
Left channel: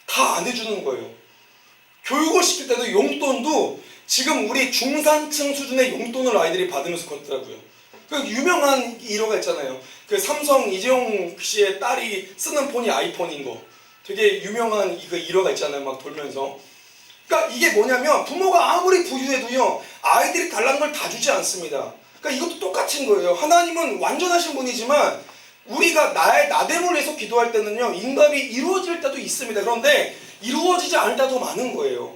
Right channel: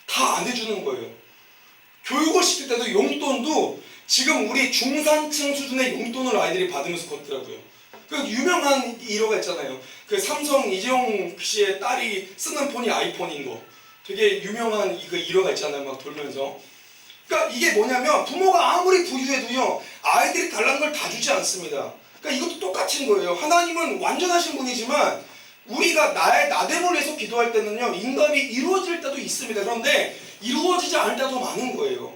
다 안 해주는 거예요. 교육을 시킬 때도 용돈도 지금 우리 중산층 수준의 용돈을 아이들이 받으면서 걷더라고요. 그 유명한 일화가 있잖아요. 그 삼성 이재용 씨의 딸이 쓰는 폰이 아이폰인 거. 되게 유명한 그 일화가 있잖아요. 막 돌면서. 그러니까 이게 뭐냐면 부모가 아무리 부유해도요, 아이들이 달라는 걸 다 주지 않습니다. 그러니까 이것도 똑같은 거예요. 하나님은 완전하신 분이지만 우리가 나의 나됨을 위해서 기도할 때는요, 응답이 이루어질 때도 있습니다. 그런데 이루어지지 않을 때도 많은 거예요.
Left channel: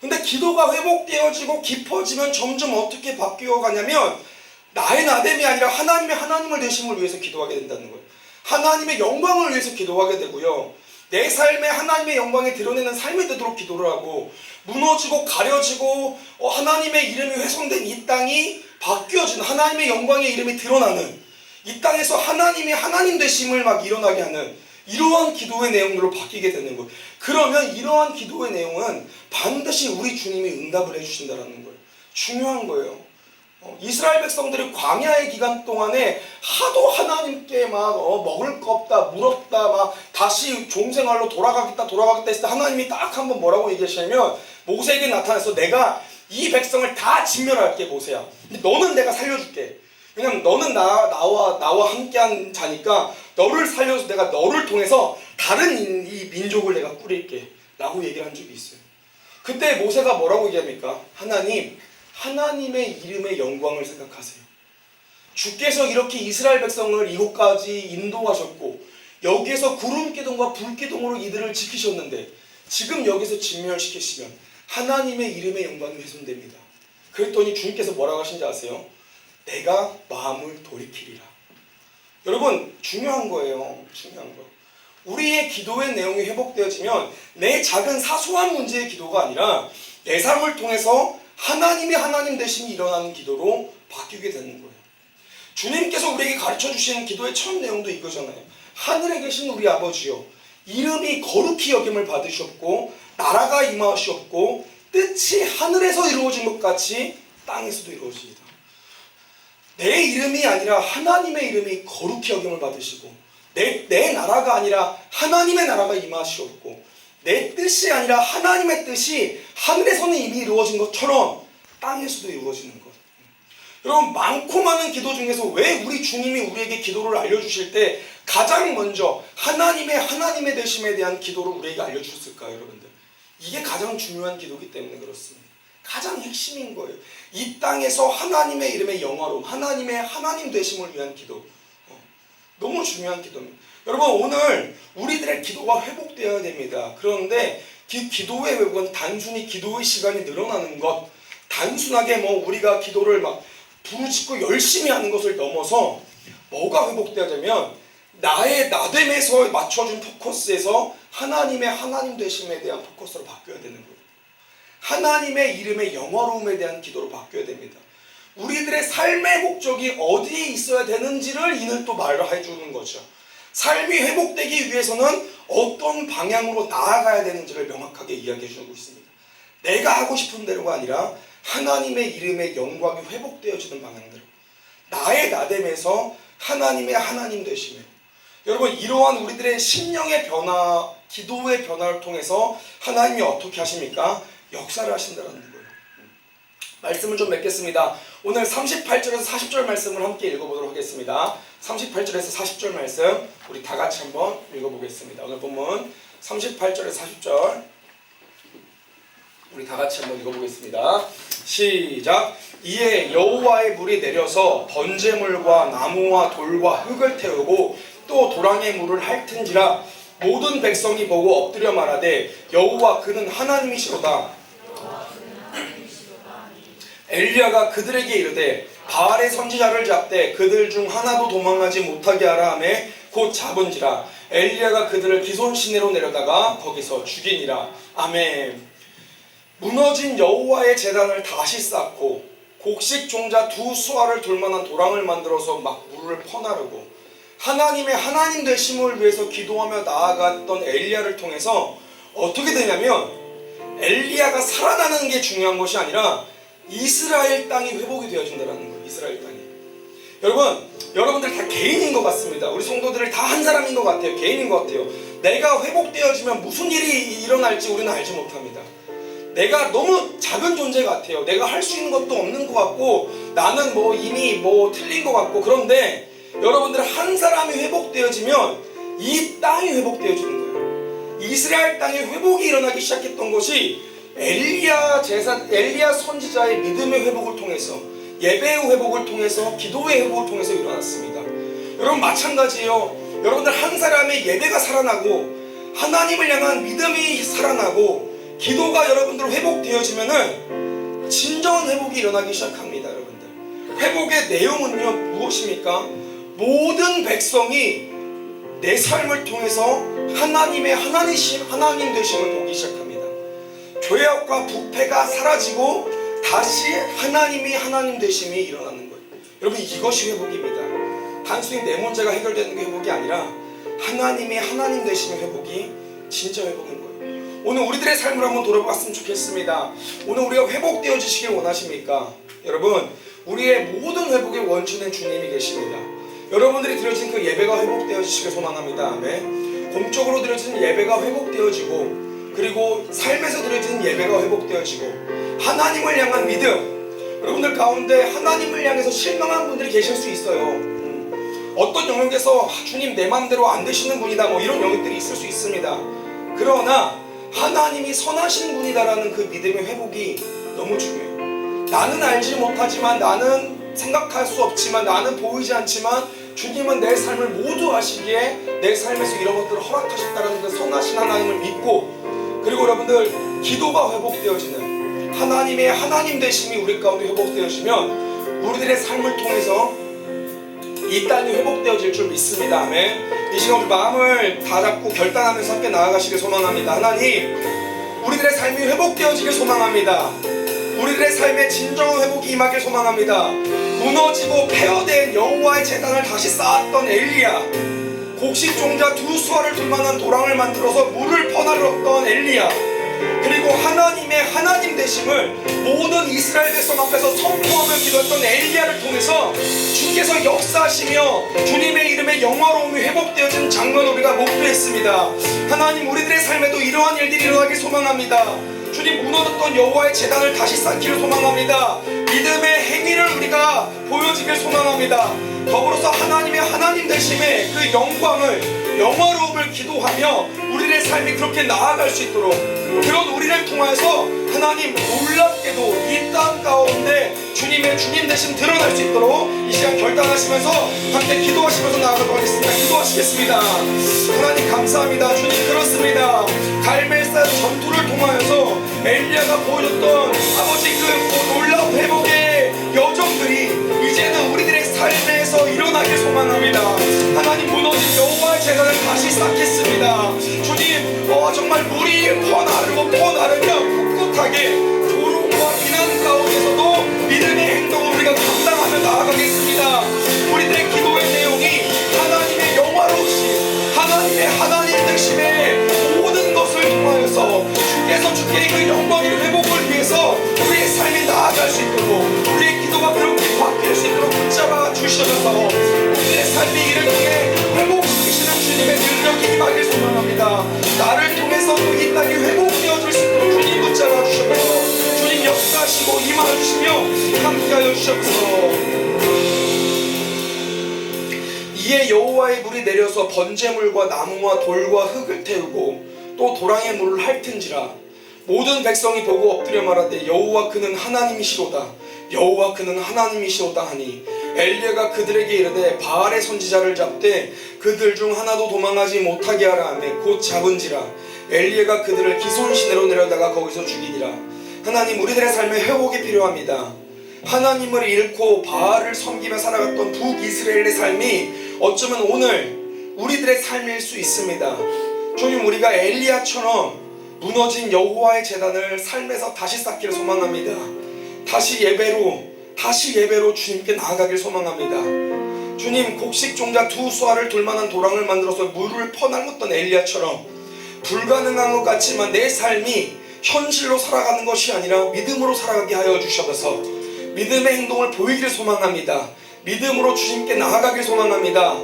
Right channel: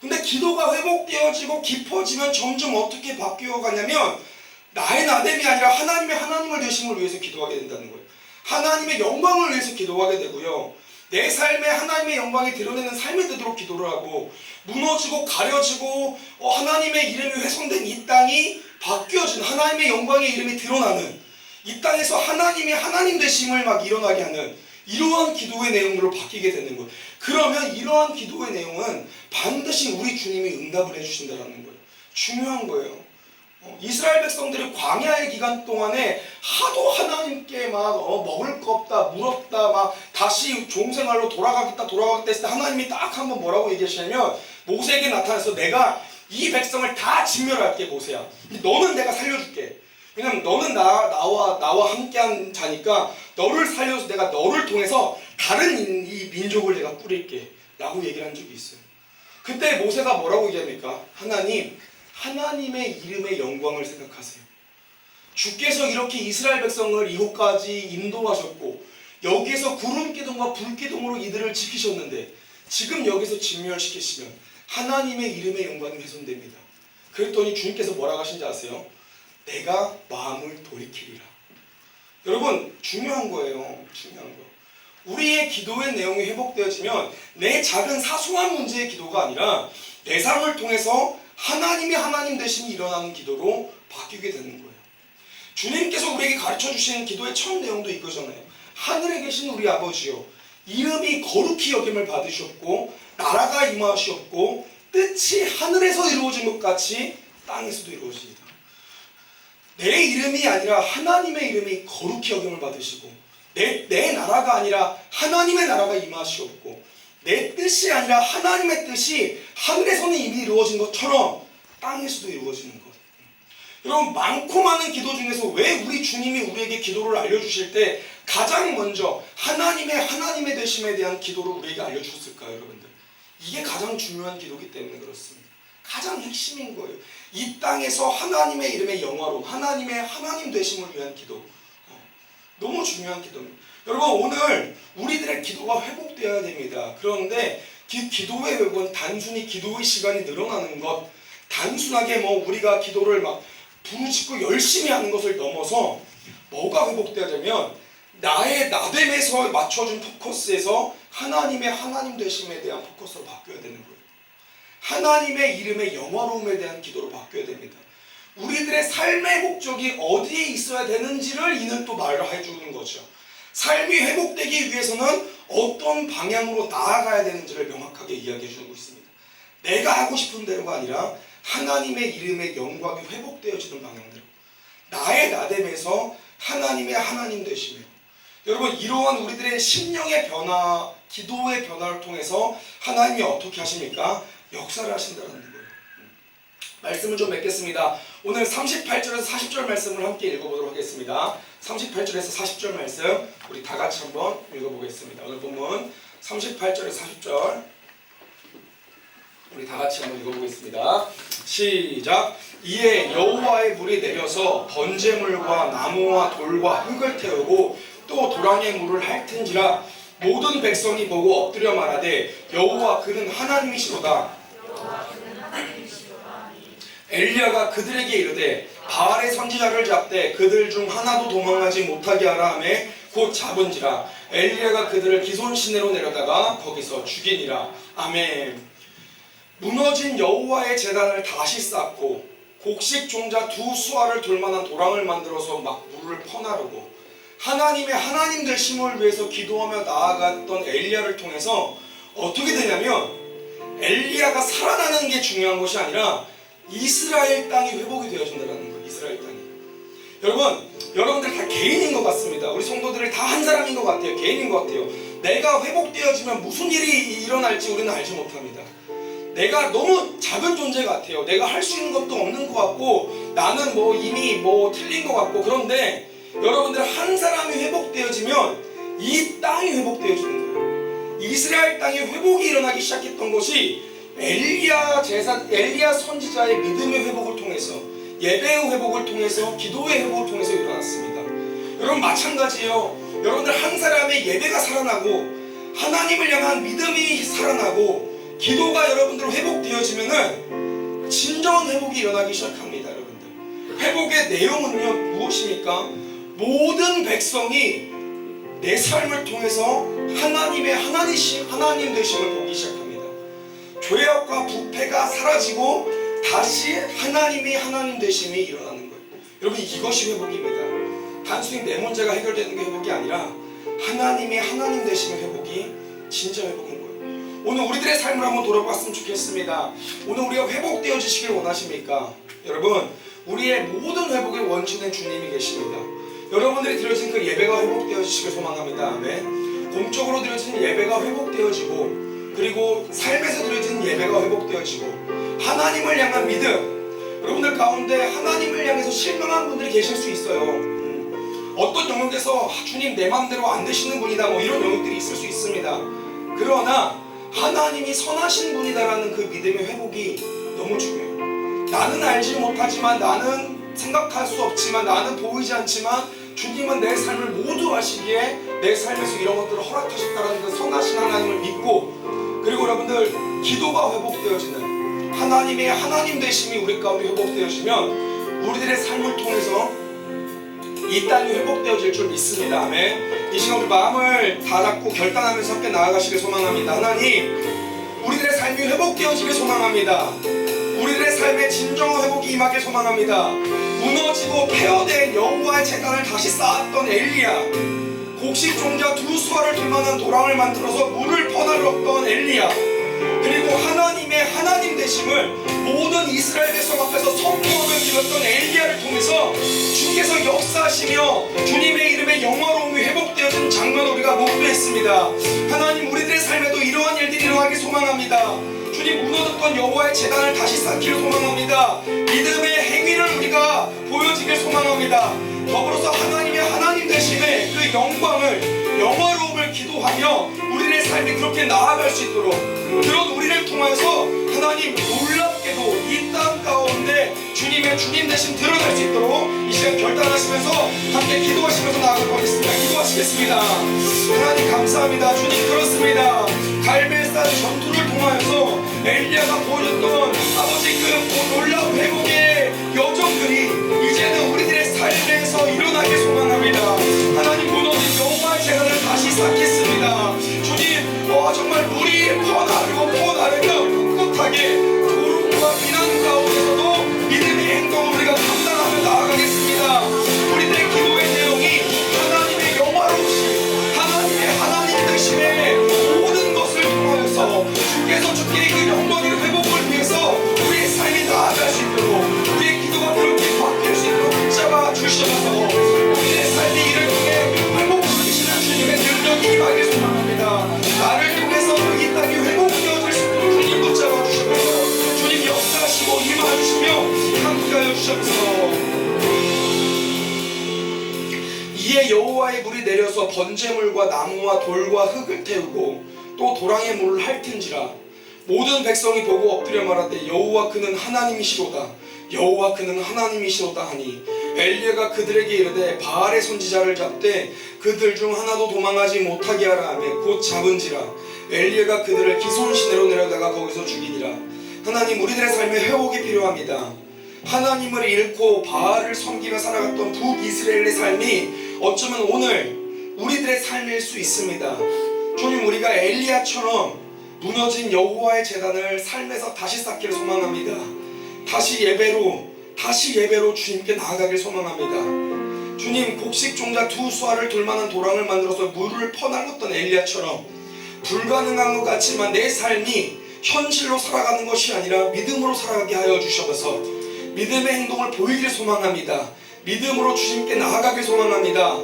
근데 기도가 회복되어지고 깊어지면 점점 어떻게 바뀌어 가냐면 나의 나됨이 아니라 하나님을 되심을 위해서 기도하게 된다는 거예요. 하나님의 영광을 위해서 기도하게 되고요. 내 삶에 하나님의 영광이 드러내는 삶이 되도록 기도를 하고 무너지고 가려지고 하나님의 이름이 훼손된 이 땅이 바뀌어진 하나님의 영광의 이름이 드러나는 이 땅에서 하나님이 하나님 되심을 막 일어나게 하는 이러한 기도의 내용으로 바뀌게 되는 거예요. 그러면 이러한 기도의 내용은 반드시 우리 주님이 응답을 해주신다는 거예요. 중요한 거예요. 이스라엘 백성들이 광야의 기간 동안에 하도 하나님께 막 먹을 거 없다, 물 없다, 막 다시 종생활로 돌아가겠다 했을 때 하나님이 딱 한번 뭐라고 얘기하시냐면 모세에게 나타나서 내가 이 백성을 다 진멸할게 모세야. 너는 내가 살려줄게. 왜냐면 너는 나와 함께한 자니까 너를 살려서 내가 너를 통해서 다른 이 민족을 내가 꾸릴게 라고 얘기를 한 적이 있어요. 그때 모세가 뭐라고 얘기합니까? 하나님의 이름의 영광을 생각하세요. 주께서 이렇게 이스라엘 백성을 이곳까지 인도하셨고 여기에서 구름 기둥과 불 기둥으로 이들을 지키셨는데 지금 여기서 진멸시키시면 하나님의 이름의 영광이 훼손됩니다. 그랬더니 주님께서 뭐라고 하신지 아세요? 내가 마음을 돌이키리라. 여러분 중요한 거예요. 중요한 거. 우리의 기도의 내용이 회복되어지면 내 작은 사소한 문제의 기도가 아니라 내 삶을 통해서 하나님 되심이 일어나는 기도로 바뀌게 되는 거예요. 주님께서 우리에게 가르쳐 주시는 기도의 첫 내용도 이거잖아요. 하늘에 계신 우리 아버지여, 이름이 거룩히 여김을 받으셨고 나라가 임하시옵고 뜻이 하늘에서 이루어진 것 같이 땅에서도 이루어집니다. 내 이름이 아니라 하나님의 이름이 거룩히 여김을 받으시고 내 나라가 아니라 하나님의 나라가 임하시옵고 내 뜻이 아니라 하나님의 뜻이 하늘에서는 이미 이루어진 것처럼 땅에서도 이루어지는 것. 여러분 많고 많은 기도 중에서 왜 우리 주님이 우리에게 기도를 알려주실 때 가장 먼저 하나님의 되심에 대한 기도를 우리에게 알려주셨을까요, 여러분들? 이게 가장 중요한 기도이기 때문에 그렇습니다. 가장 핵심인 거예요. 이 땅에서 하나님의 이름의 영화로 하나님 되심을 위한 기도. 너무 중요한 기도입니다. 여러분 오늘 우리들의 기도가 회복되어야 됩니다. 그런데 기도의 회복은 단순히 기도의 시간이 늘어나는 것, 단순하게 우리가 기도를 막 부르짖고 열심히 하는 것을 넘어서 뭐가 회복되어야되면 나의 나됨에서 맞춰준 포커스에서 하나님 되심에 대한 포커스로 바뀌어야 되는 거예요. 하나님의 이름의 영화로움에 대한 기도로 바뀌어야 됩니다. 우리들의 삶의 목적이 어디에 있어야 되는지를 이는 또 말을 해주는 거죠. 삶이 회복되기 위해서는 어떤 방향으로 나아가야 되는지를 명확하게 이야기해 주고 있습니다. 내가 하고 싶은 대로가 아니라 하나님의 이름의 영광이 회복되어지는 방향대로 나의 나됨에서 하나님 되심으로 여러분 이러한 우리들의 심령의 변화, 기도의 변화를 통해서 하나님이 어떻게 하십니까? 역사를 하신다는 거예요. 말씀을 좀 맺겠습니다. 오늘 38절에서 40절 말씀을 함께 읽어보도록 하겠습니다. 38절에서 40절 말씀 우리 다 같이 한번 읽어보겠습니다. 오늘 본문 38절에서 40절 우리 다 같이 한번 읽어보겠습니다. 시작. 이에 여호와의 물이 내려서 번제물과 나무와 돌과 흙을 태우고 또 도랑의 물을 핥은지라 모든 백성이 보고 엎드려 말하되 여호와 그는 하나님이시로다. 엘리야가 그들에게 이르되 바알의 선지자를 잡되 그들 중 하나도 도망하지 못하게 하라 하매 곧 잡은지라 엘리야가 그들을 기손 시내로 내려다가 거기서 죽이니라. 아멘. 무너진 여호와의 제단을 다시 쌓고 곡식 종자 두 수알을 둘만한 도랑을 만들어서 막 물을 퍼나르고 하나님 되심을 위해서 기도하며 나아갔던 엘리야를 통해서 어떻게 되냐면 엘리야가 살아나는 게 중요한 것이 아니라 이스라엘 땅이 회복이 되어진다는 거예요. 이스라엘 땅이. 여러분들 다 개인인 것 같습니다. 우리 성도들이 다 한 사람인 것 같아요. 개인인 것 같아요. 내가 회복되어지면 무슨 일이 일어날지 우리는 알지 못합니다. 내가 너무 작은 존재 같아요. 내가 할 수 있는 것도 없는 것 같고 나는 이미 틀린 것 같고 그런데 여러분들 한 사람이 회복되어지면 이 땅이 회복되어지는 거예요. 이스라엘 땅에 회복이 일어나기 시작했던 것이 엘리야 선지자의 믿음의 회복을 통해서 예배의 회복을 통해서 기도의 회복을 통해서 일어났습니다. 여러분 마찬가지예요. 여러분들 한 사람의 예배가 살아나고 하나님을 향한 믿음이 살아나고 기도가 여러분들 회복되어지면은 진정한 회복이 일어나기 시작합니다. 여러분들 회복의 내용은요 무엇입니까? 모든 백성이 내 삶을 통해서 하나님 되심을 보기 시작합니다. 죄악과 부패가 사라지고 다시 하나님 되심이 일어나는 거예요. 여러분 이것이 회복입니다. 단순히 내 문제가 해결되는 게 회복이 아니라 하나님 되심의 회복이 진짜 회복인 거예요. 오늘 우리들의 삶을 한번 돌아봤으면 좋겠습니다. 오늘 우리가 회복되어지시길 원하십니까? 여러분 우리의 모든 회복의 원천에 주님이 계십니다. 여러분들이 드려진 그 예배가 회복되어지시길 소망합니다. 아멘. 공적으로 드려진 예배가 회복되어지고, 그리고 삶에서 드려진 예배가 회복되어지고, 하나님을 향한 믿음, 여러분들 가운데 하나님을 향해서 실망한 분들이 계실 수 있어요. 어떤 영역에서 주님 내 맘대로 안 되시는 분이다, 뭐 이런 영역들이 있을 수 있습니다. 그러나 하나님이 선하신 분이다라는 그 믿음의 회복이 너무 중요해요. 나는 알지 못하지만, 나는 생각할 수 없지만, 나는 보이지 않지만 주님은 내 삶을 모두 아시기에 내 삶에서 이런 것들을 허락하셨다는 그 선하신 하나님을 믿고, 그리고 여러분들 기도가 회복되어지는 하나님의 하나님 되심이 우리 가운데 회복되어지면 우리들의 삶을 통해서 이 땅이 회복되어질 줄 믿습니다. 아멘. 이 시간 우리 마음을 다 잡고 결단하면서 함께 나아가시길 소망합니다. 하나님, 우리들의 삶이 회복되어지길 소망합니다. 우리들의 삶의 진정한 회복이 임하길 소망합니다. 무너지고 폐허된 여호와의 제단을 다시 쌓았던 엘리야, 곡식종자 두 수아를 둘만한 도랑을 만들어서 물을 퍼나르었던 엘리야, 그리고 하나님의 하나님 되심을 모든 이스라엘 백성 앞에서 선포하며 믿었던 엘리야를 통해서 주께서 역사하시며 주님의 이름의 영화로움이 회복되어진 장면 우리가 목도했습니다. 하나님, 우리들의 삶에도 이러한 일들이 일어나길 소망합니다. 주님, 무너졌던 여호와의 제단을 다시 쌓기를 소망합니다. 믿음의 행위를 우리가 보여지길 소망합니다. 더불어서 하나님의 하나님 되심의 그 영화로움을 기도하며 우리의 삶이 그렇게 나아갈 수 있도록, 그런 우리를 통해서 하나님 놀랍게도 이 땅 가운데 주님의 주님 되심 드러날 수 있도록 이 시간 결단하시면서 함께 기도하시면서 나아가도록 하겠습니다. 기도하시겠습니다. 하나님 감사합니다. 주님, 그렇습니다. 갈멜산 전투를 통하여서 엘리야가 보여줬던 아버지 그 놀라운 회복의 여정들이 이제는 우리들의 삶에서 일어나길 소망합니다. 하나님, 무너진 여호와의 제단을 다시 쌓겠습니다. 주님, 정말 물이 퍼나르며 꿋꿋하게 조롱과 비난 가운데서도 믿음의 행동을 우리가 감당하며 나아가겠습니다. 우리들의 기도의 내용이 하나님의 영화로우심, 하나님의 하나님 되심의 모든 것을 통하여서 주께서 주께 그 영광의 회복을 위해서 우리의 삶이 나아갈 수 있도록, 우리의 기도가 그렇게 바뀔 수 있도록 붙잡아 주셔서 우리의 삶이 이를 통해 회복시키시는 주님의 능력이 임하길 소망합니다. 나를 통해서도 이 땅이 회복되어질 수 있도록 주님 붙잡아 주셔서 주님 역사하시고 임하주시며 함께하여 주셔서, 이에 여호와의 물이 내려서 번제물과 나무와 돌과 흙을 태우고 또 도랑의 물을 핥은지라. 모든 백성이 보고 엎드려 말하되 여호와 그는 하나님이시로다, 여호와 그는 하나님이시로다 하니, 엘리야가 그들에게 이르되 바알의 선지자를 잡되 그들 중 하나도 도망하지 못하게 하라 하며 곧 잡은지라. 엘리야가 그들을 기손 시내로 내려다가 거기서 죽이니라. 하나님, 우리들의 삶에 회복이 필요합니다. 하나님을 잃고 바알을 섬기며 살아갔던 북이스라엘의 삶이 어쩌면 오늘 우리들의 삶일 수 있습니다. 주님, 우리가 엘리야처럼 무너진 여호와의 제단을 삶에서 다시 쌓기를 소망합니다. 다시 예배로 주님께 나아가길 소망합니다. 주님, 곡식종자 두 수아를 둘만한 도랑을 만들어서 물을 퍼나르었던 엘리야처럼 불가능한 것 같지만 내 삶이 현실로 살아가는 것이 아니라 믿음으로 살아가게 하여 주셔서 믿음의 행동을 보이길 소망합니다. 믿음으로 주님께 나아가길 소망합니다.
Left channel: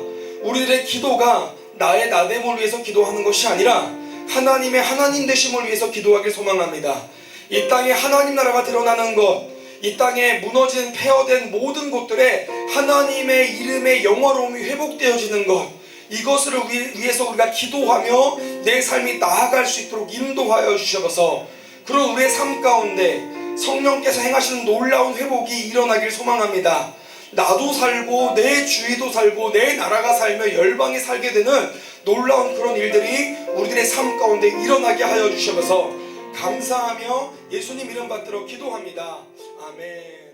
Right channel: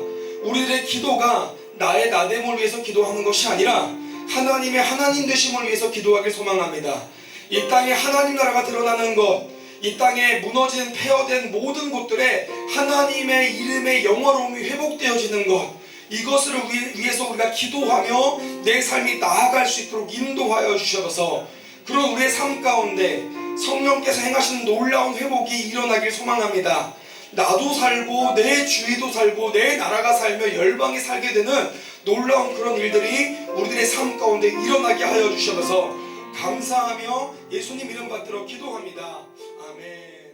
우리들의 기도가 나의 나됨을 위해서 기도하는 것이 아니라 하나님의 하나님 되심을 위해서 기도하길 소망합니다. 이 땅에 하나님 나라가 드러나는 것, 이 땅에 무너진 폐허된 모든 곳들에 하나님의 이름의 영화로움이 회복되어지는 것, 이것을 위해서 우리가 기도하며 내 삶이 나아갈 수 있도록 인도하여 주셔서 그런 우리의 삶 가운데 성령께서 행하시는 놀라운 회복이 일어나길 소망합니다. 나도 살고 내 주위도 살고 내 나라가 살며 열방이 살게 되는 놀라운 그런 일들이 우리들의 삶 가운데 일어나게 하여 주셔서 감사하며 예수님 이름 받들어 기도합니다. 아멘.